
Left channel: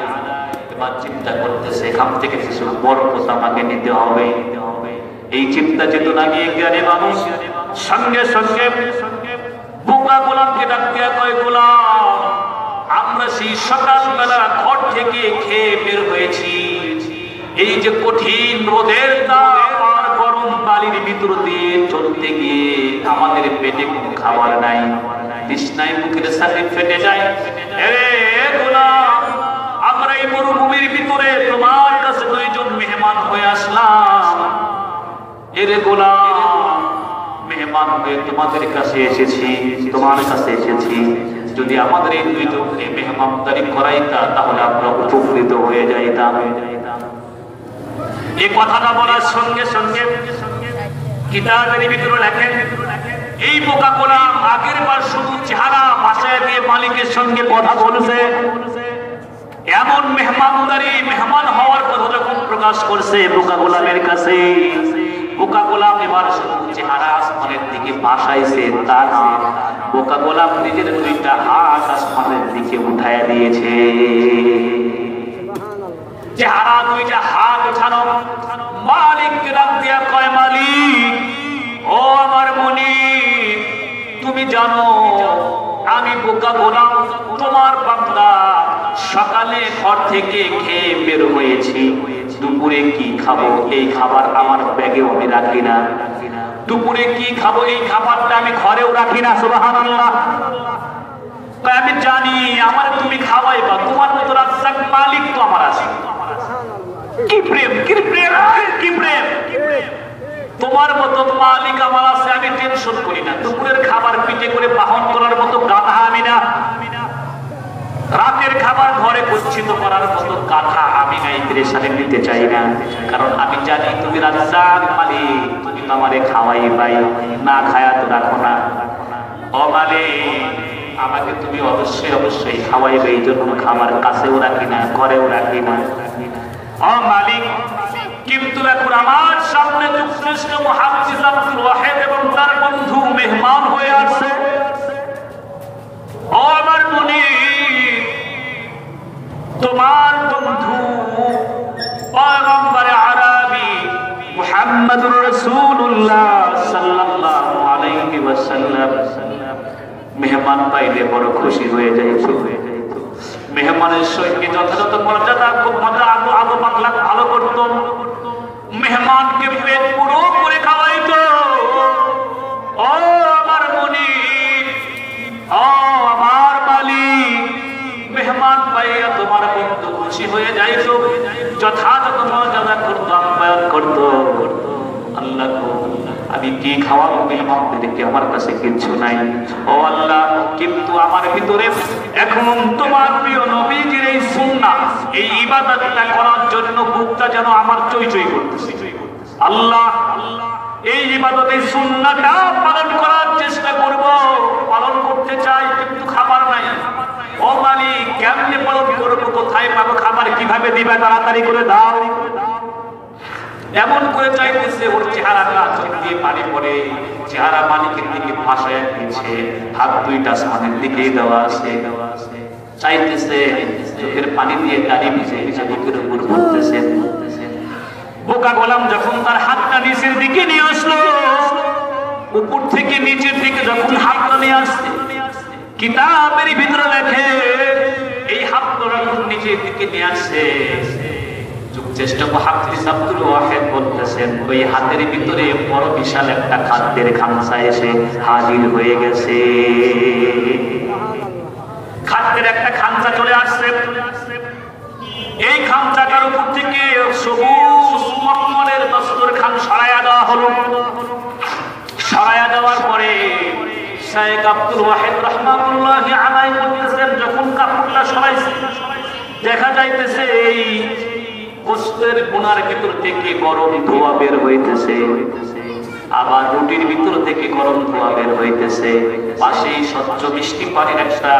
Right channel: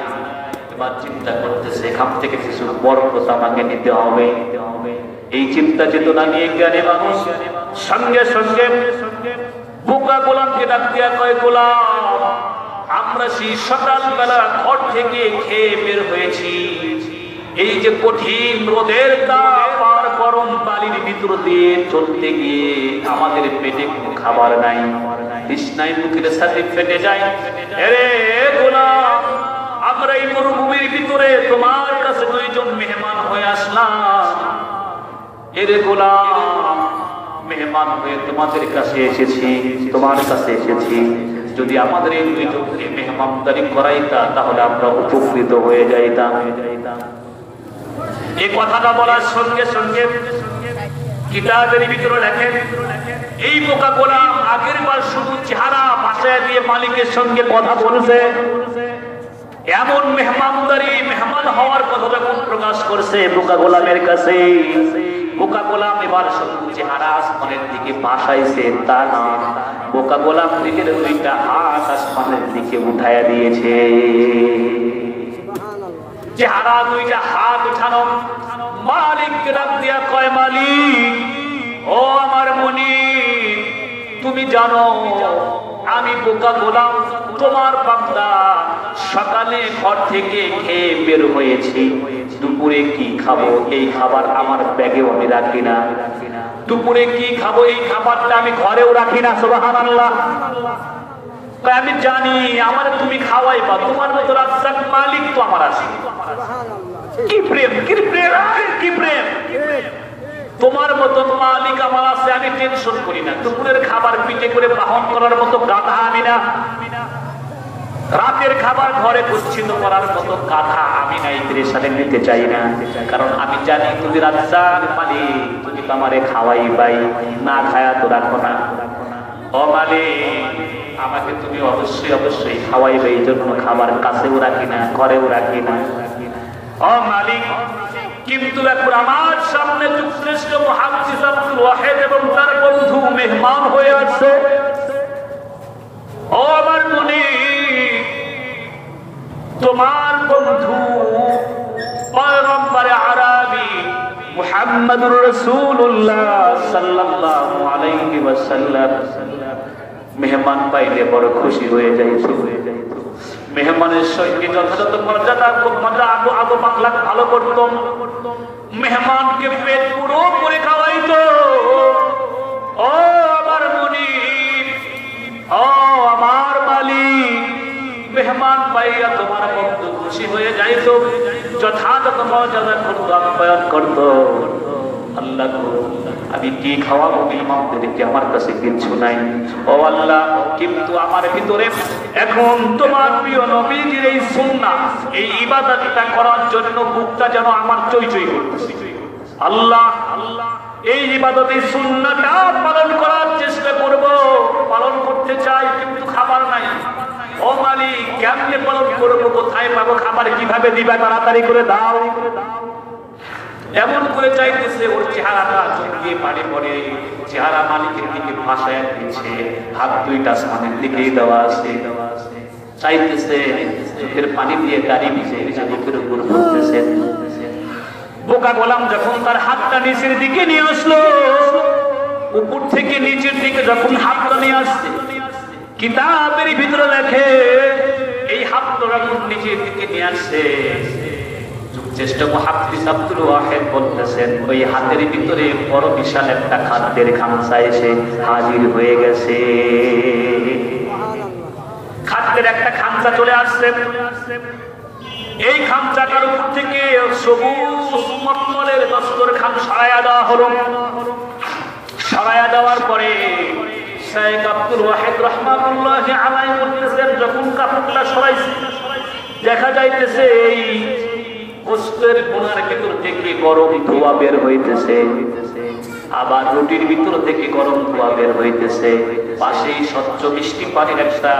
এবার চিন্তা করতেছে, এখান থেকে কিছু বরকত আমাকে নিতে হবে। এই চিন্তা চেতনা নিয়ে জ্ঞানী মানুষ সঙ্গে সঙ্গে বোকা গোলামকে ডাক দিয়া কয়, গোলাম, আমরা সেই সকালবেলা ঘর থেকে খেয়ে বের হয়েছি। এই যে কঠিন রোদের তাপ আর গরম বালির ভিতর দিয়ে চলতে গিয়ে আমাদের পেটে কোনো খাবার নাই, তৃষ্ণায় মুখের সাথে ফেটে যায়। আরে গোলাম, আমরা এই মরুভূমির ভিতরে তোমার কাছে দুইজন মেহমান হয়ে আসলাম। এরে গোলাম, মেহমান হয়ে তোমাদের কাছে এসেছি, তোমার কাছে এসেছি। যদি আমাদের এই দুইজনকে মেহমানদারি করাইতা তাহলে আমরা উপকৃত হয়ে যাইতাম। এই কথাটা বলার সঙ্গে সঙ্গে কিতাবের ভিতরে লেখেন, এই বোকা গোলাম আগের বার শুধু চেহারা ভাষায় দিয়ে মালিকের সঙ্গে কথা বলছে, এমন মেহমানদারি, মেহমান হওয়ার কথা যখন প্রকাশ করছে বোকা গোলামের কাছে, বোকা গোলাম এবার শুধু চেহারা আসমানের দিকে ভাসাইছে তা না, বোকা গোলাম নিজের দুইটা হাত আসমানের দিকে উঠাইয়া দিয়েছে। চেহারা দুইটা হাত উঠানো, মালিককে ডাক দিয়া কয়, মালিক, ও আমার মুনিব, তুমি জানো আমি বোকা গোলাম তোমার বান্দা, সকালে ঘর থেকে খেয়ে বের হয়েছি, দুপুরে কি খাবো এই খাবার আমার ব্যাগে আমি রাখি না, দুপুরে কি খাবো এই খাবারটা আমি ঘরেও রাখি না। সুবহানাল্লাহ। আমি জানি আমার তুমি খাওয়াইবা, তোমার মতো রাজ্জাক মালিক তো আমার আছে। কি প্রেম, কি প্রেম, কি প্রেম! তোমার মতো মালিক আমার আছে, আমি টেনশন করি না। দুপুরের খাবার পিঠে করে বাহন করার মতো গাধা আমি না, রাতের খাবার ঘরে গচ্ছিত করার মতো গাধা আমি নাই, পেরেশানি নিতে চাই না। কারণ আমি জানি তুমি রাজ্জাক মালিক, তুমি তো আমারে খাওয়াই পাই, না খায়া তো রাখো না। ও মালিক, আমাকে তুমি অবশ্যই অবশ্যই খাওয়াইবে, এই জন্য খাবার কাছেও রাখি না, ঘরেও রাখি না। ও মালিক, কিন্তু এখন আমার সামনে যুগশ্রেষ্ঠ মুহাদ্দিস আব্দুল ওয়াহিদ এবং তার বন্ধু মেহমান হয়ে আসছে। ও আমার মুনির, তোমার বন্ধু পয়গম্বর আরবি মুহাম্মদুর রাসূলুল্লাহ সাল্লাল্লাহু আলাইহি ওয়াসাল্লাম মেহমান পাইলে বড় খুশি হয়ে যায়। মেহমানের সঙ্গে যথাযথ মর্যাদা ভালো করত, মেহমানকে পেট পুরো করে খাওয়াইতো। ও আমার মুনির, ও আমার মালিক, মেহমান পাইয়া তোমার বন্ধু খুশি হয়ে যাইতো, যথাযথ মর্যাদা করতো, আপ্যায়ন করতো। আল্লাহ আমি কি খাওয়াবো মেহমানদেরকে, আমার কাছে কিছু নাই। ও আল্লাহ, কিন্তু আমার ভিতরে এখন তোমার প্রিয় নবীজির এই সুন্নাহ, এই ইবাদতটা করার জন্য বুকটা যেন আমার চই চই করতেছে। আল্লাহ, এই ইবাদত, এই সুন্নাহটা পালন করার চেষ্টা করব, পালন করতে চাই, কিন্তু খাবার নাই। ও মালিক, কেমনে পালন করবো, কোথায় পাবো খাবার, কিভাবে দিবে, তাড়াতাড়ি করে দাও। এমন করে চাইতেছে, ওর চেহারাটা চোখ দিয়ে পানি পড়ে, চেহারা মালিকের দিকে ভাসায় দিচ্ছে, হাত দুইটা আসমানের দিকেই দেওয়া আছে, চাইতেছে চোখের পানি দিয়ে দাড়ি ভিজে ভিজে বুকের উপর পড়তেছে। বোকা গোলাম যখন তার হাতটা নিচের দিকে নিয়ে আসলো, উপর থেকে নিচের দিকে যখন হাতটা নিয়ে আসছে, কিতাবের ভিতরে লেখে এই হাতটা যখন নিচের দিকে নিয়ে আসছে, চেষ্টা মুহাদ্দিস আব্দুল ওয়াহিদ বলতেছেন ওই হাতের ভিতরে বড় বিশাল একটা খাদ্যের খামচা এসে হাজির হয়ে গেছে। খাদ্যের একটা খামচা চলে আসছে, এই খামচাটার উপর থেকে সবুজ মখমলের দস্তরখান সরাইয়া দেওয়া হলো। সরাইয়া দেওয়ার পরে শাইখ আব্দুল ওয়াহিদ রাহমাতুল্লাহি আলাইহি বলতেছেন, যখন কাপড়টা সরাইছে দেখা যাইতেছে এই গোশতের কোনার ভিতর থেকে গরম ধোঁয়া বের হইতেছে, আবার রুটির ভিতর থেকে গরম ধোঁয়া বের হইতেছে, পাশেই স্বচ্ছ মিষ্টি পানির একটা